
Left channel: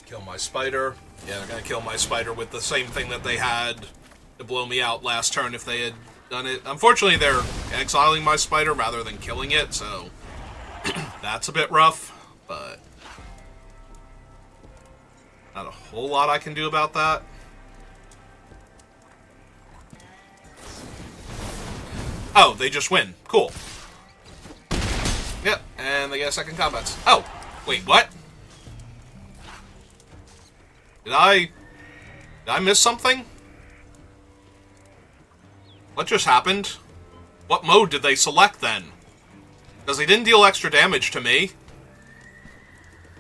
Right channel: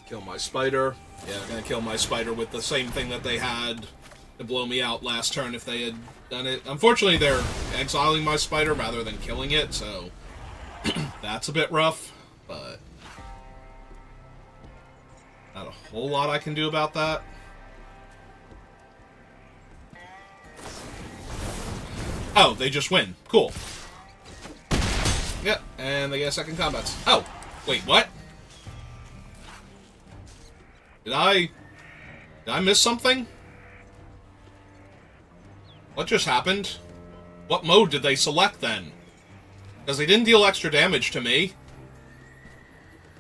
Kill my spider. Yeah, I'm gonna kill my spider with the same thing that they had to blow me out last turn if they had done it. Unfortunately, they're exiling my spider rather than killing it, so that's a bit rough, but not a whole lot I can do about that. Oh, they just win. Cool. Yep, and they get a second combat. Oh, wait, what? Did I miss something? What just happened? What mode did they select then? Because they didn't deal extra damage to me.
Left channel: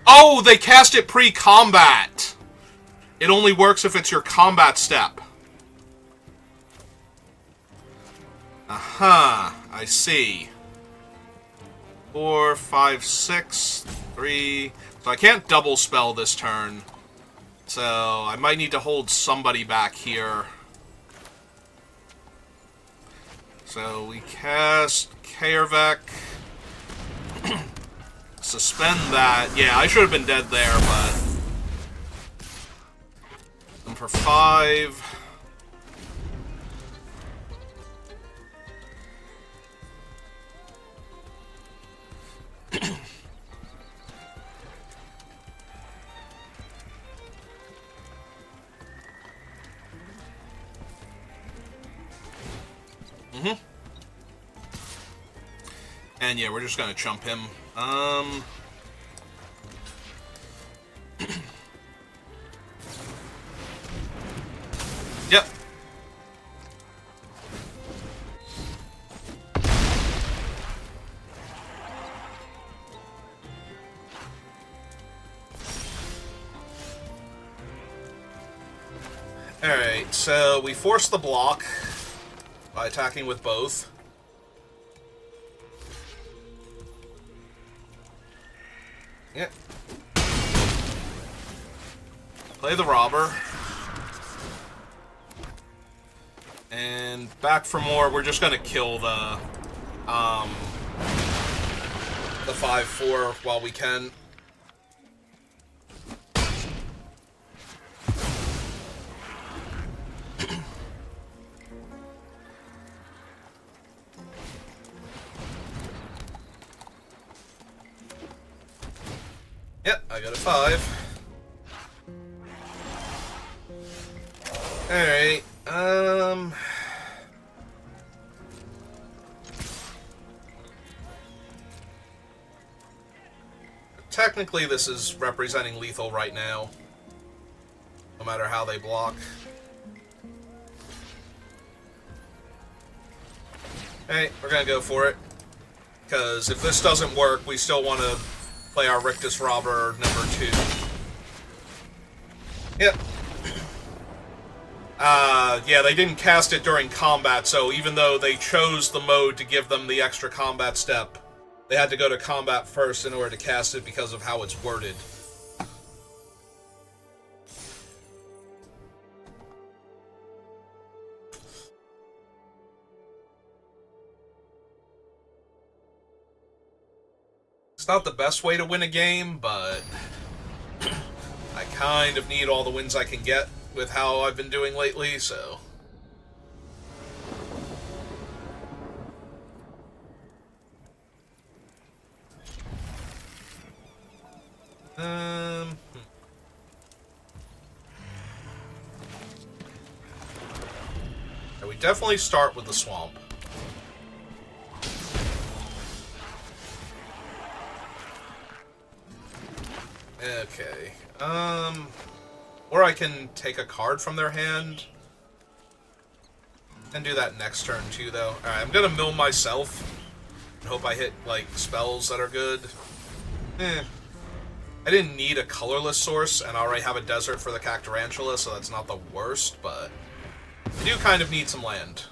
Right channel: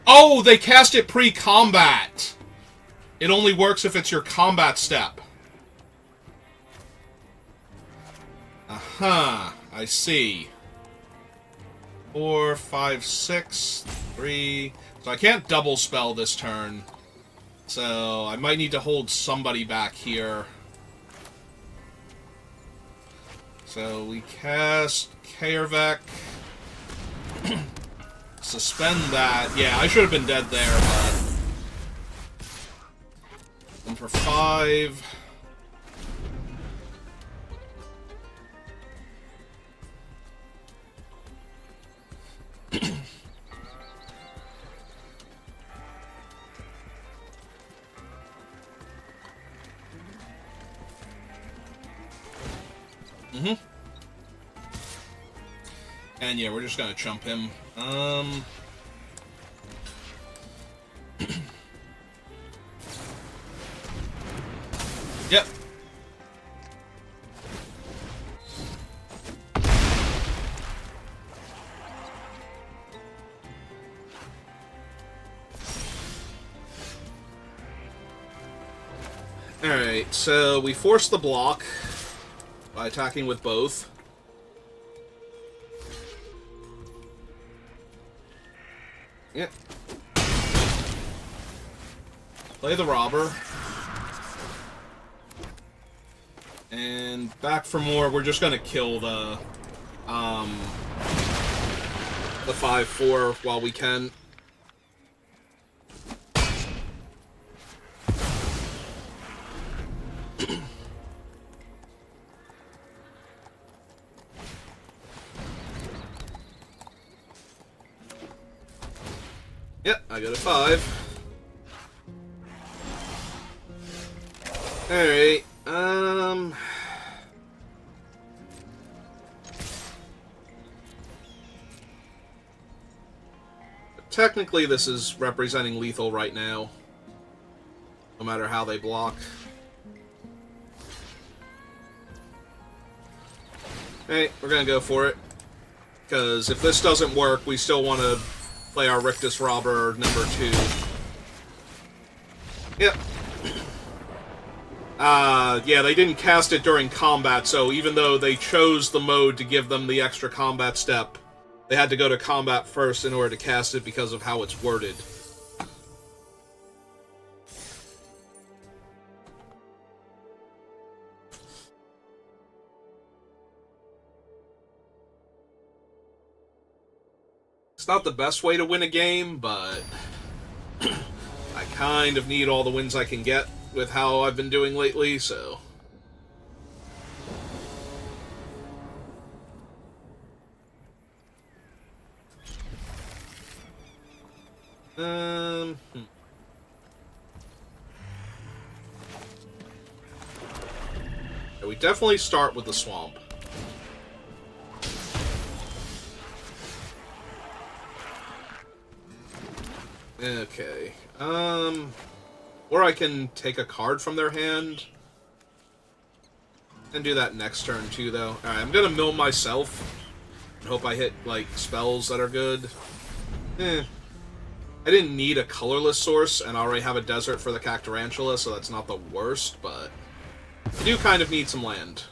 Oh, they cast it pre-combat! It only works if it's your combat step. Aha, I see. 4, 5, 6, 3... So I can't double spell this turn. So I might need to hold somebody back here. So we cast Kaervek. Suspend that. Yeah, I should have been dead there, but... And for 5... And yeah, we're just gonna chump him. Yep. Alright, so we force the block by attacking with both. Yep. Play the robber. And back for more, we're just gonna kill the 5/4 while we can. Yep, I got a 5. Alright, technically this is representing lethal right now, no matter how they block. Hey, we're gonna go for it. Because if this doesn't work, we still want to play our Rictus Robber number 2. Yep. Yeah, they didn't cast it during combat, so even though they chose the mode to give them the extra combat step, they had to go to combat first in order to cast it because of how it's worded. It's not the best way to win a game, but I kind of need all the wins I can get with how I've been doing lately, so... We definitely start with the swamp. Okay. Or I can take a card from their hand. And do that next turn, too, though. Alright, I'm gonna mill myself. And hope I hit, like, spells that are good. I didn't need a colorless source, and I already have a desert for the Cactarantula, so that's not the worst, but... I do kind of need some land.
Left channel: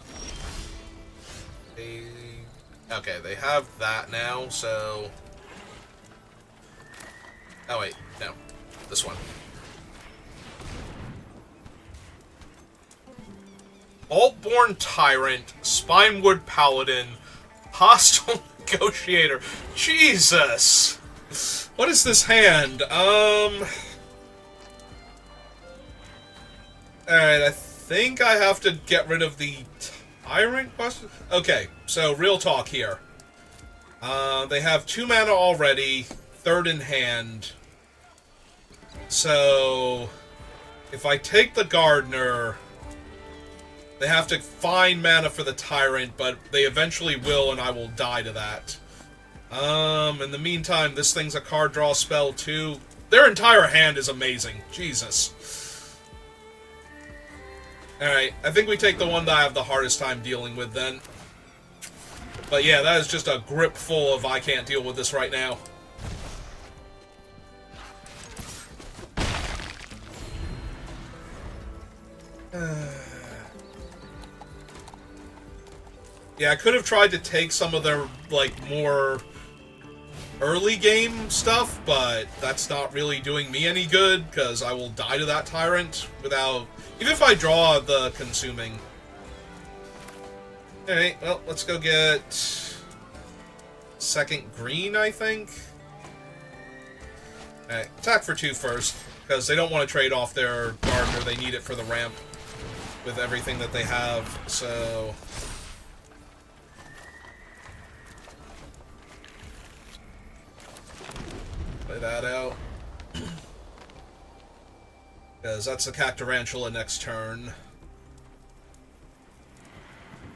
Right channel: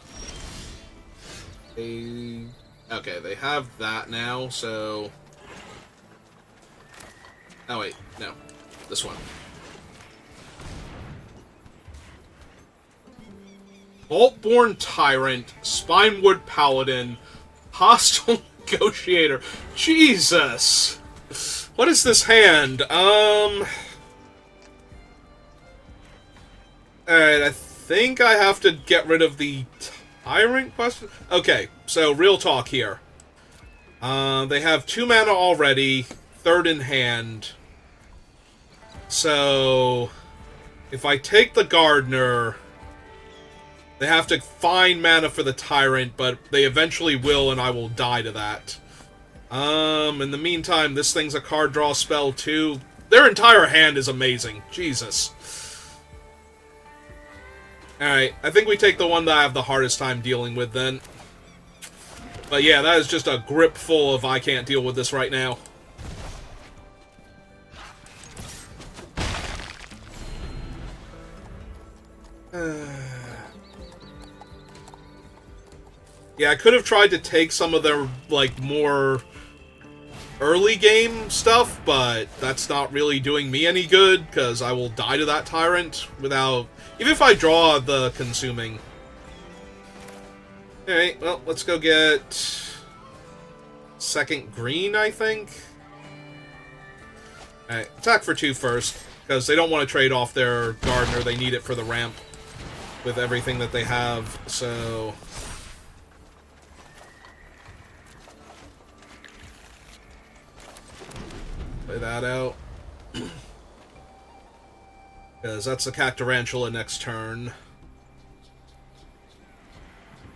Okay, they have that now, so... Oh, wait. No. This one. Vaultborn Tyrant, Spinewood Paladin, Hostile Negotiator. Jesus! What is this hand? Alright, I think I have to get rid of the Tyrant question? Okay, so real talk here. They have 2 mana already, 3rd in hand. So, if I take the Gardener, they have to find mana for the Tyrant, but they eventually will, and I will die to that. In the meantime, this thing's a card draw spell, too. Their entire hand is amazing. Jesus. Alright, I think we take the one that I have the hardest time dealing with, then. But yeah, that is just a grip full of I can't deal with this right now. Yeah, I could have tried to take some of their, like, more early game stuff, but that's not really doing me any good, because I will die to that Tyrant without... Even if I draw the Consuming. Alright, well, let's go get... second green, I think? Alright, attack for 2 first, because they don't want to trade off their Gardener, they need it for the ramp with everything that they have, so... Play that out. Because that's the Cactarantula next turn.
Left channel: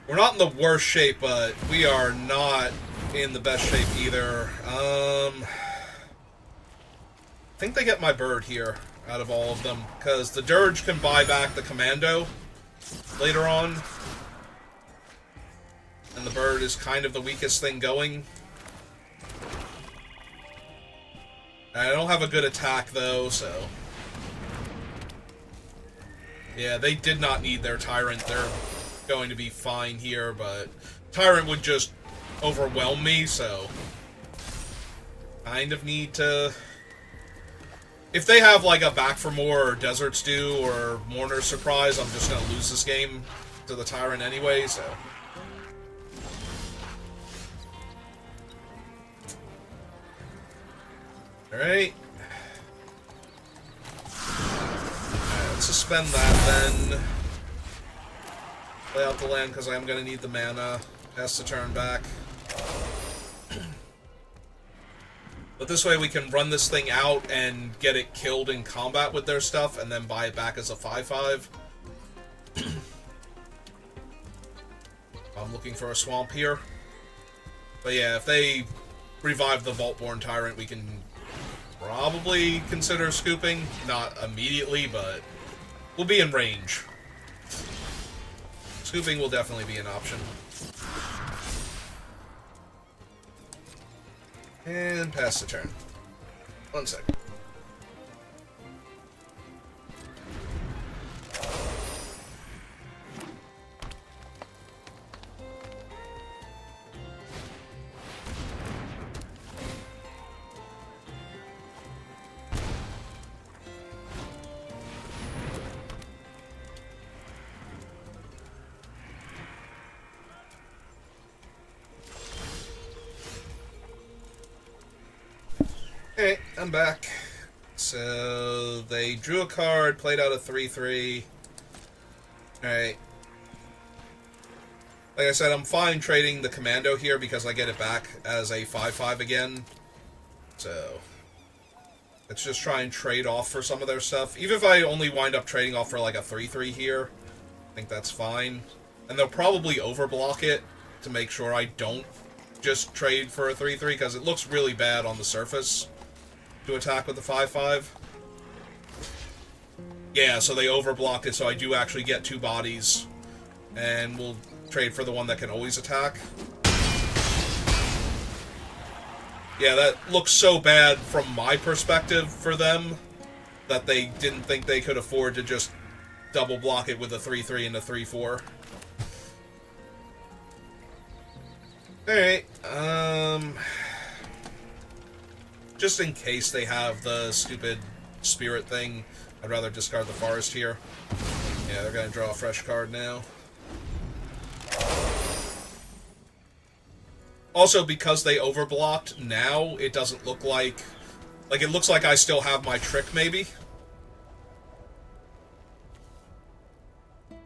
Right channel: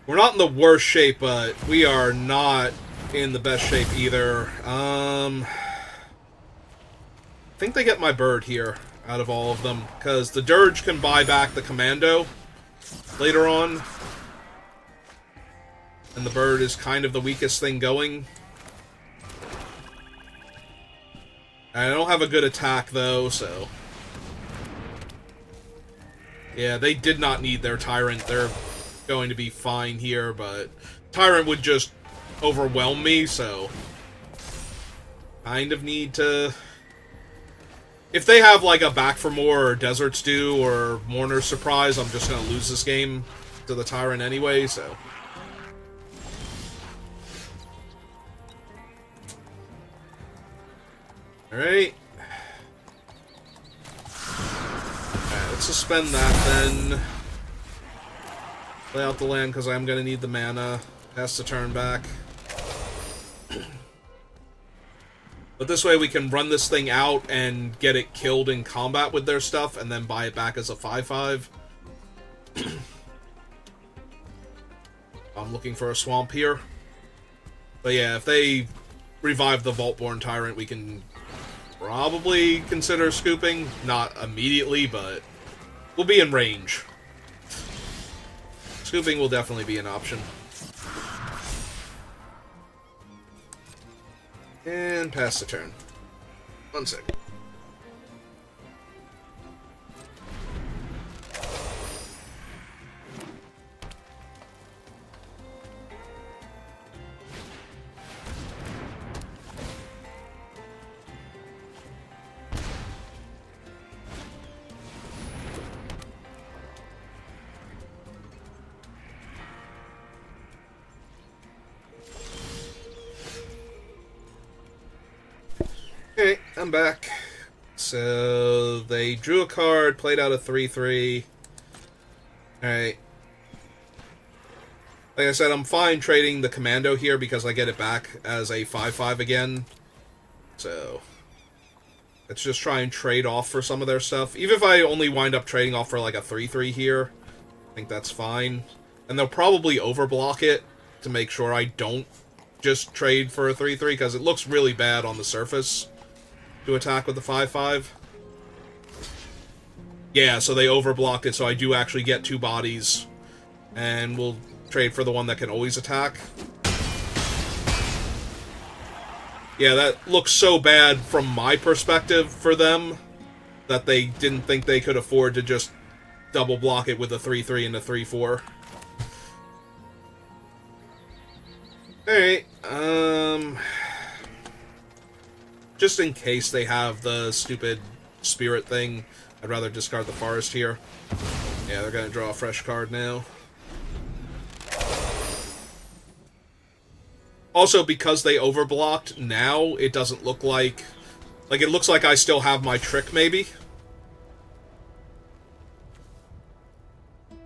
We're not in the worst shape, but we are not in the best shape either. I think they get my bird here out of all of them, because the Dirge can buy back the Commando later on. And the bird is kind of the weakest thing going. I don't have a good attack, though, so... Yeah, they did not need their Tyrant. They're going to be fine here, but... Tyrant would just overwhelm me, so... Kind of need to... If they have, like, a Back for More or Desert Stew or Mourner's Surprise, I'm just gonna lose this game to the Tyrant anyway, so... Alright. Let's suspend that then. Play out the land because I'm going to need the mana. Pass the turn back. But this way we can run this thing out and get it killed in combat with their stuff and then buy it back as a 5/5. I'm looking for a swamp here. But yeah, if they revive the Vaultborn Tyrant, we can probably consider scooping. Not immediately, but we'll be in range. Scooping will definitely be an option. And pass the turn. 1 sec. Okay, I'm back. So they drew a card, played out a 3/3. Alright. Like I said, I'm fine trading the commando here because I get it back as a 5/5 again. So let's just try and trade off for some of their stuff. Even if I only wind up trading off for like a 3/3 here, I think that's fine. And they'll probably overblock it to make sure I don't just trade for a 3/3 because it looks really bad on the surface to attack with the 5/5. Yeah, so they overblocked it, so I do actually get 2 bodies. And we'll trade for the one that can always attack. Yeah, that looks so bad from my perspective for them that they didn't think they could afford to just double block it with a 3/3 and a 3/4. Alright, just in case they have the stupid spirit thing, I'd rather discard the forest here. Yeah, they're gonna draw a fresh card now. Also, because they overblocked, now it doesn't look like... Like, it looks like I still have my trick, maybe.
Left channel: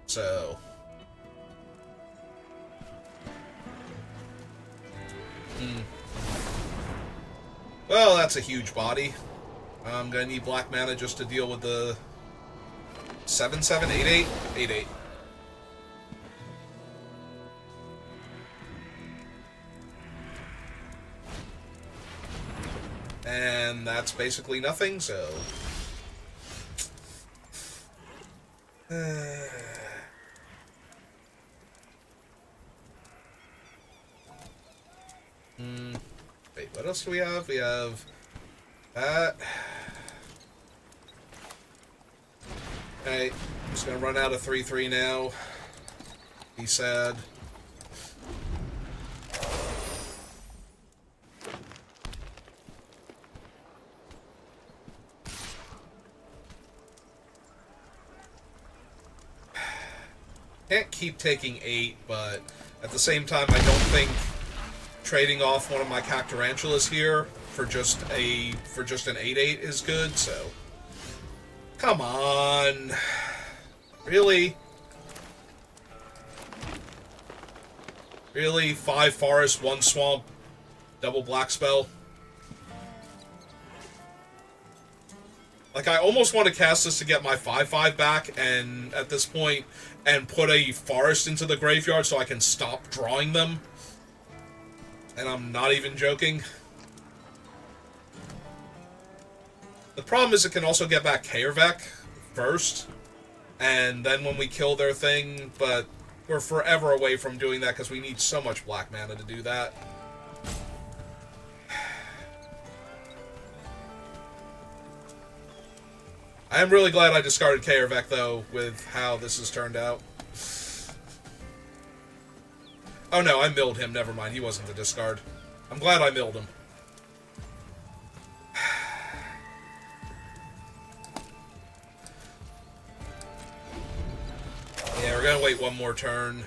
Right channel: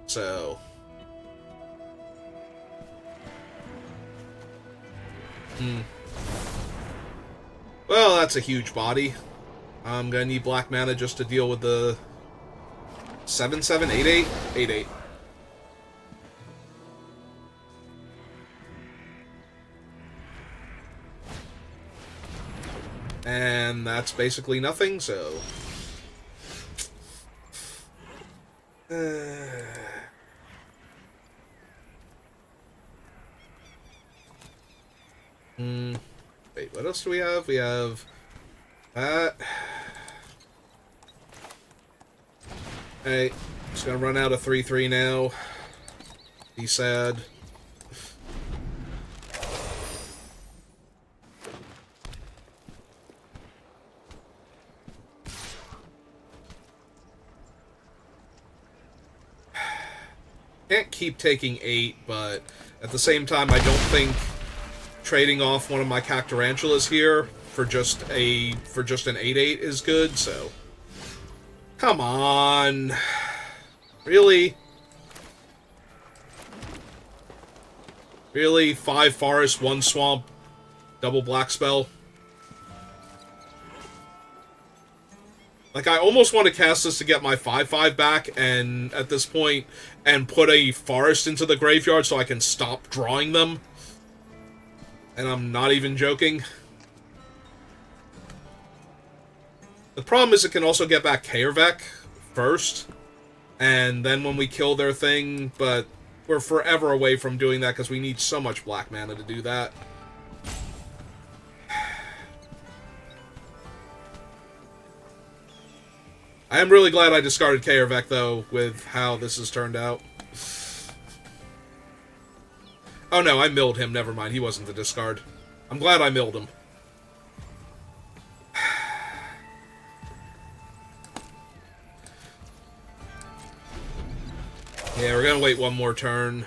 So... Well, that's a huge body. I'm gonna need black mana just to deal with the 7/7, 8/8, 8/8. And that's basically nothing, so... Wait, what else do we have? We have that. Okay, just gonna run out of 3/3 now. Be sad. Can't keep taking 8, but at the same time, I don't think trading off one of my Cactarantulas here for just an 8/8 is good, so... Come on! Really? Really? 5 forest, 1 swamp, double black spell? Like, I almost want to cast this to get my 5/5 back, and at this point, and put a forest into the graveyard so I can stop drawing them. And I'm not even joking. The problem is it can also get back Kaervek first, and then when we kill their thing, but we're forever away from doing that because we need so much black mana to do that. I am really glad I discarded Kaervek, though, with how this has turned out. Oh no, I milled him, never mind, he wasn't the discard. I'm glad I milled him. Yeah, we're gonna wait one more turn,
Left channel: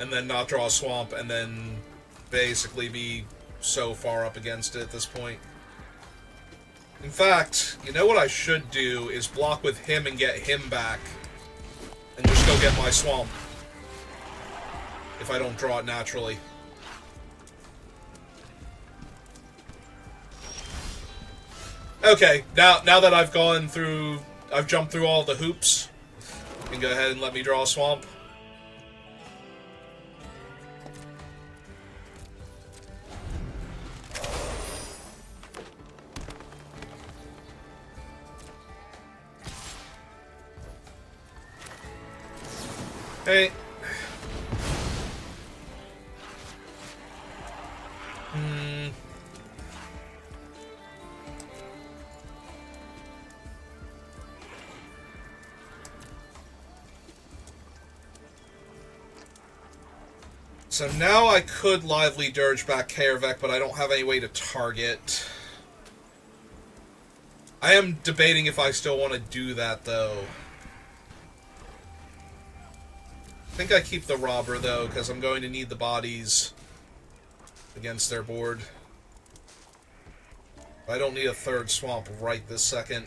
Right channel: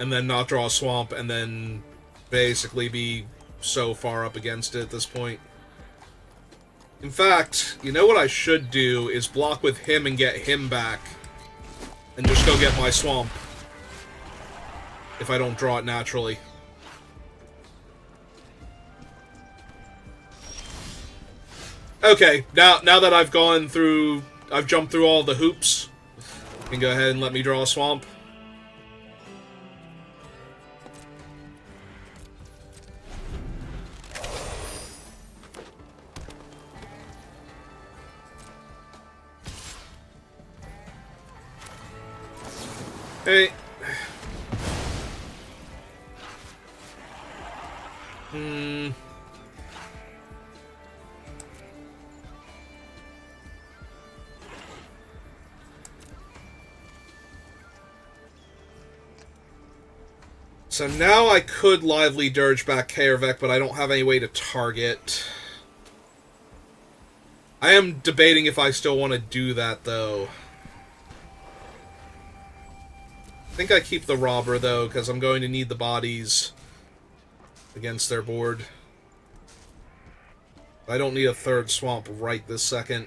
and then not draw a swamp, and then basically be so far up against it at this point. In fact, you know what I should do is block with him and get him back, and just go get my swamp. If I don't draw it naturally. Okay, now that I've jumped through all the hoops, you can go ahead and let me draw a swamp. Hey. So now I could lively dirge back Kaervek, but I don't have any way to target. I am debating if I still want to do that, though. I think I keep the robber, though, because I'm going to need the bodies against their board. I don't need a third swamp right this second.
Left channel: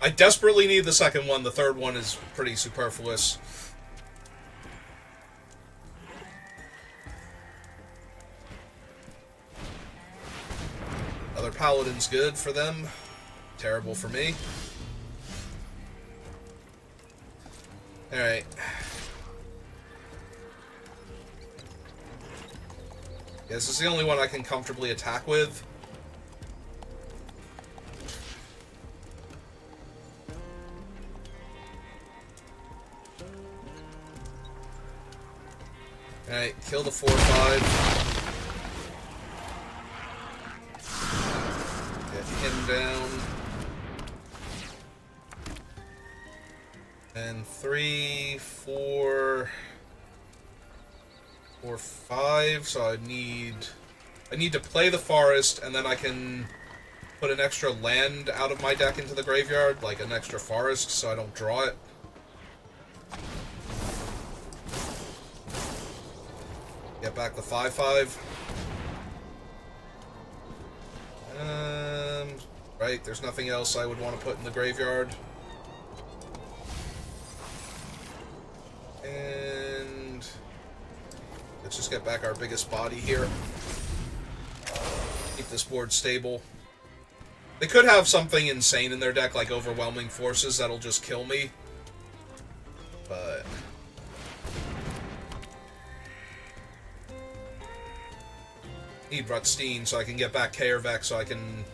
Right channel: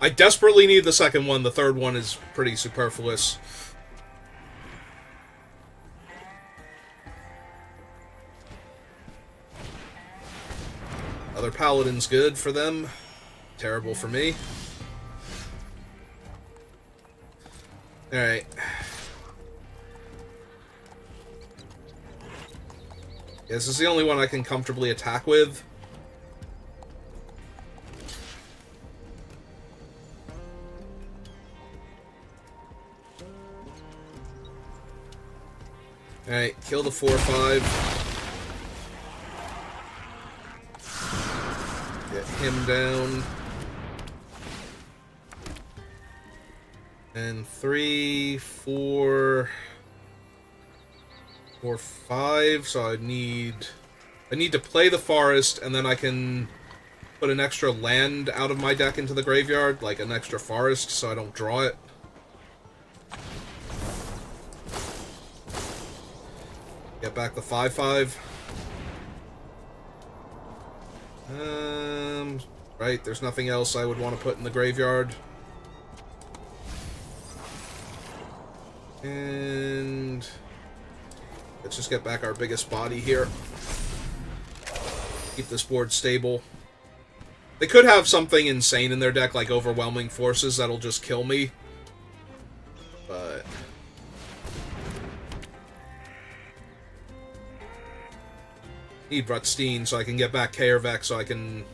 I desperately need the second one. The third one is pretty superfluous. Other paladin's good for them. Terrible for me. Alright. Yeah, this is the only one I can comfortably attack with. Alright, kill the 4/5. Get him down. And 3, 4, 5. So I need to play the forest, and then I can put an extra land out of my deck into the graveyard, like an extra forest, so I don't draw it. Get back the 5/5. Right, there's nothing else I would want to put in the graveyard. And let's just get back our biggest body here. Keep this board stable. They could have something insane in their deck, like Overwhelming Forces, that'll just kill me. But need Rutstein so I can get back Kaervek so I can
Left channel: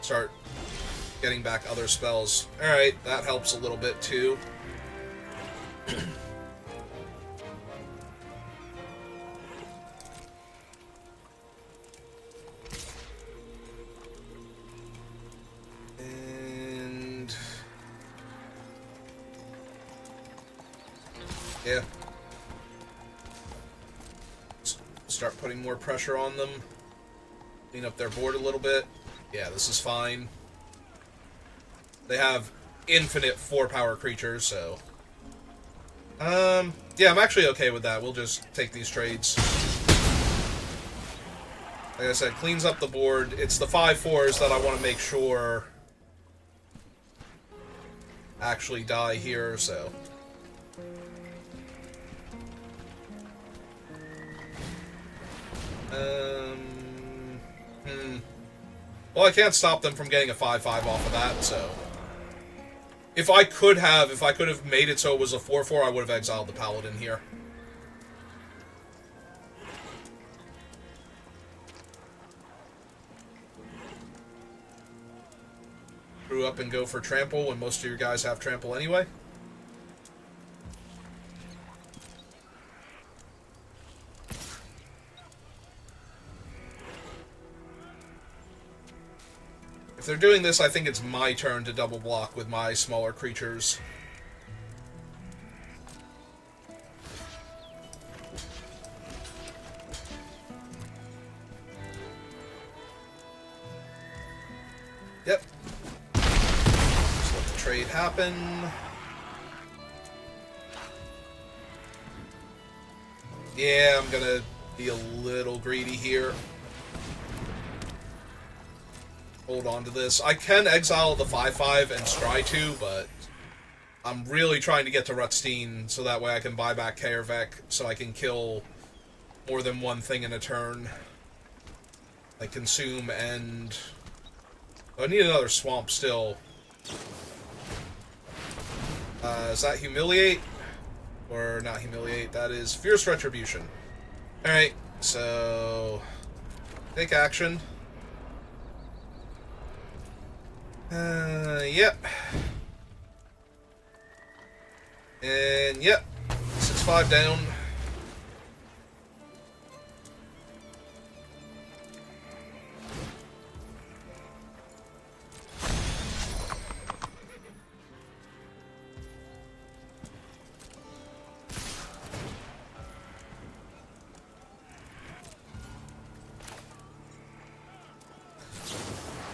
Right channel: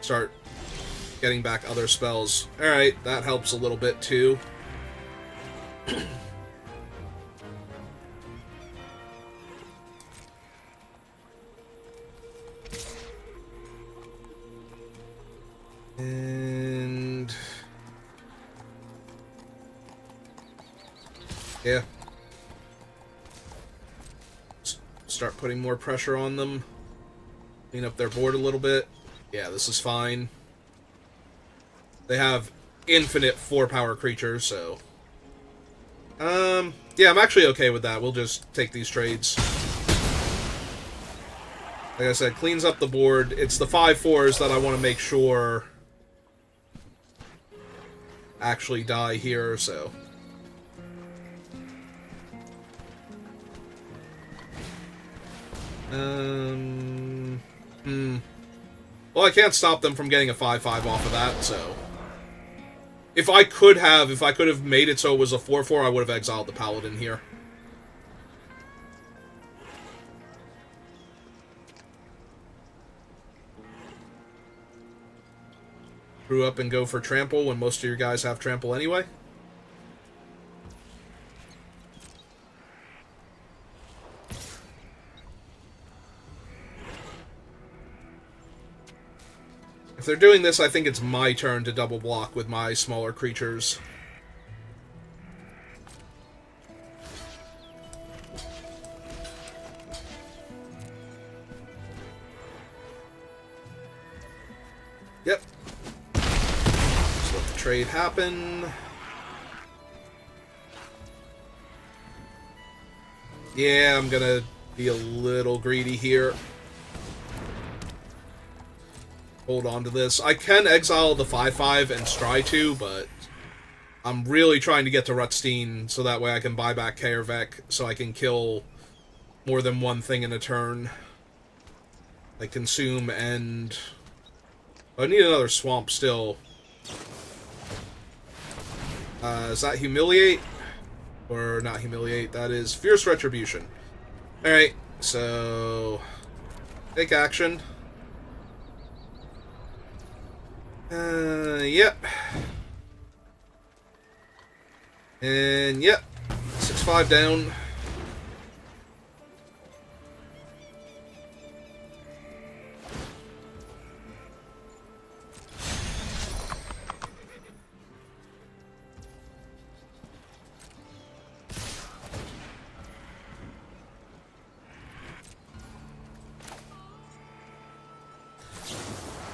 start getting back other spells. Alright, that helps a little bit too. And yeah. Start putting more pressure on them. Clean up their board a little bit. Yeah, this is fine. They have infinite 4-power creatures, so... yeah, I'm actually okay with that. We'll just take these trades. Like I said, cleans up the board. It's the 5/4s that I want to make sure actually die here, so... Well, I can't stop them from getting a 5/5 off of that, so... If I could have made it so it was a 4/4, I would have exiled the Paladin here. Screw up and go for Trample when most of your guys have Trample anyway. If they're doing this, I think it's my turn to double block with my smaller creatures. Yep. Just let the trade happen. Yeah, I'm gonna be a little greedy here. Hold on to this. I can exile the 5/5 and Stry 2, but I'm really trying to get to Rutstein so that way I can buy back Kaervek so I can kill more than one thing in a turn. Like consume and... I need another swamp still. Is that Humiliate? Or not Humiliate, that is Fierce Retribution. Alright, so... take action. Yep. And, yep, 6-5 down.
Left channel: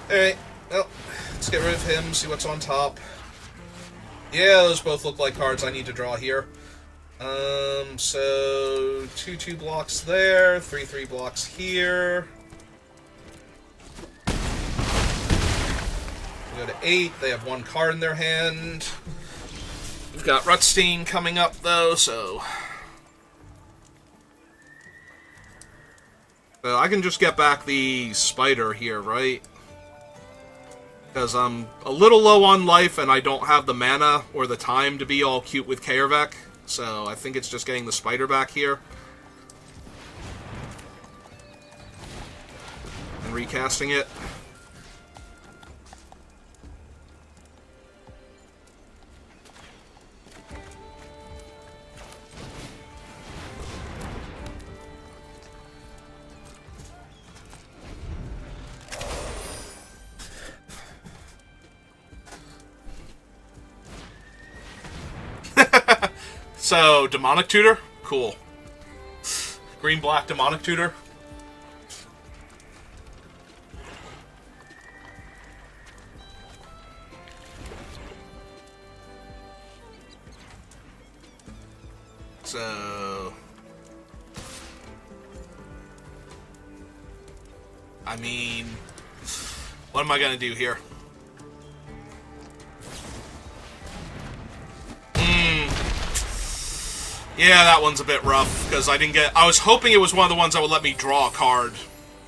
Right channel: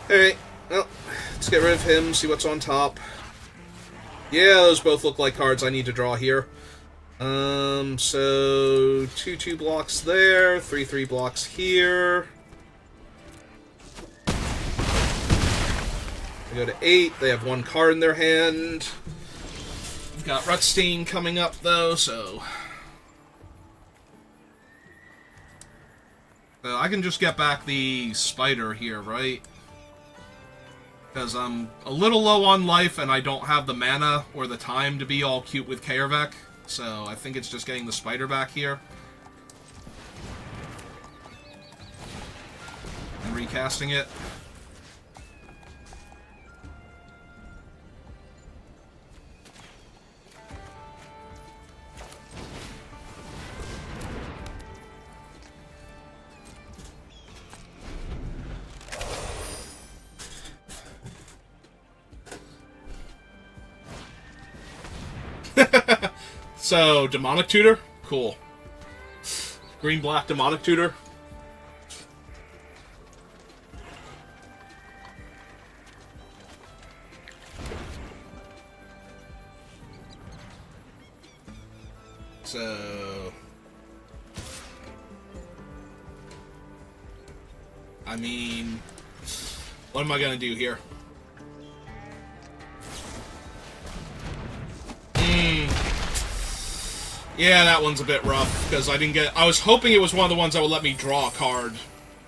Alright, well, let's get rid of him, see what's on top. Yeah, those both look like cards I need to draw here. So 2-2 blocks there, 3-3 blocks here. We go to 8, they have 1 card in their hand. We've got Rutstein coming up, though, so I can just get back the spider here, right? Because I'm a little low on life and I don't have the mana or the time to be all cute with Kaervek. So I think it's just getting the spider back here. And recasting it. So, Demonic Tutor? Cool. Green-black Demonic Tutor. So, I mean, what am I going to do here? Yeah, that one's a bit rough, because I was hoping it was one of the ones that would let me draw a card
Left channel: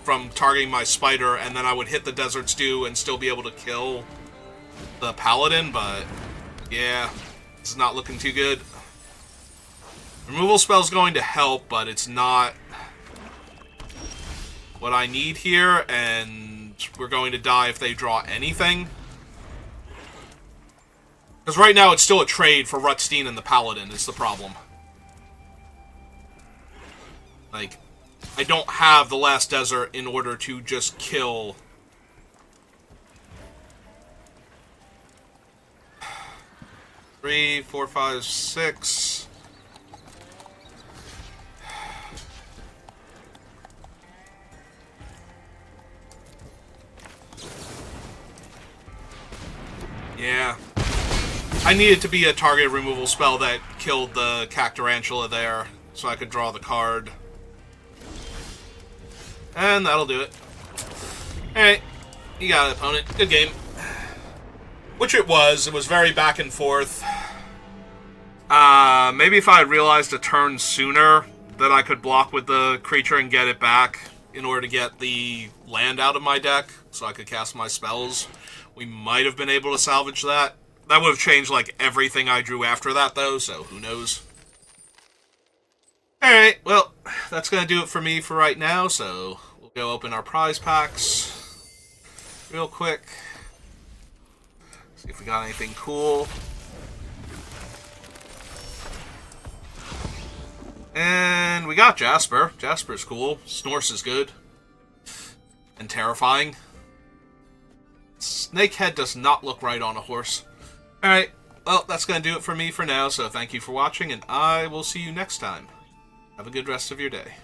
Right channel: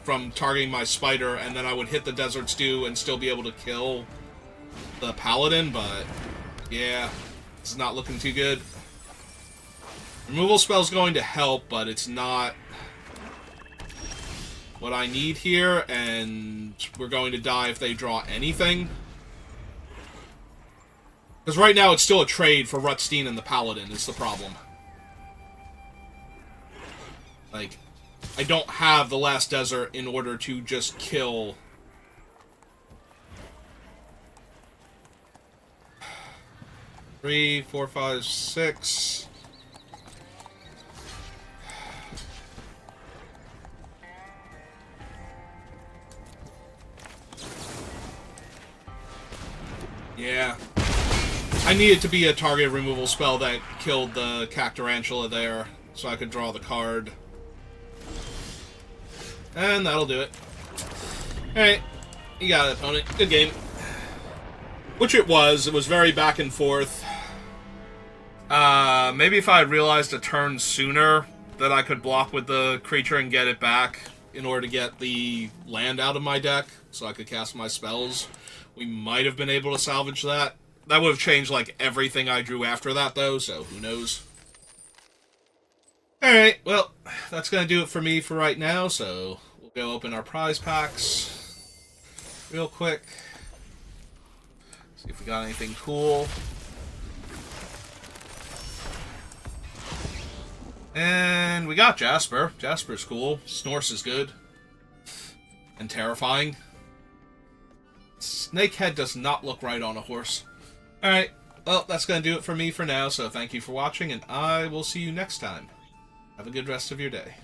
from targeting my spider, and then I would hit the Desert Stew and still be able to kill the Paladin, but yeah, it's not looking too good. Removal spell's going to help, but it's not what I need here, and we're going to die if they draw anything. Because right now it's still a trade for Rutstein and the Paladin is the problem. Like, I don't have the Last Desert in order to just kill 3, 4, 5, 6. Yeah. I needed to be a target removal spell that killed the Cactarantula there, so I could draw the card. And that'll do it. Alright. You got it, opponent. Good game. Which it was. It was very back and forth. Maybe if I had realized a turn sooner that I could block with the creature and get it back in order to get the land out of my deck so I could cast my spells, we might have been able to salvage that. That would have changed, like, everything I drew after that, though, so who knows. Alright, well, that's going to do it for me for right now, so we'll go open our prize packs real quick. See if we got anything cool. And we got Jasper. Jasper's cool. Snorse is good. And terrifying. Snakehead does not look right on a horse. Alright, well, that's going to do it for me for now, so thank you for watching, and I will see you next time. Have a good rest of your day.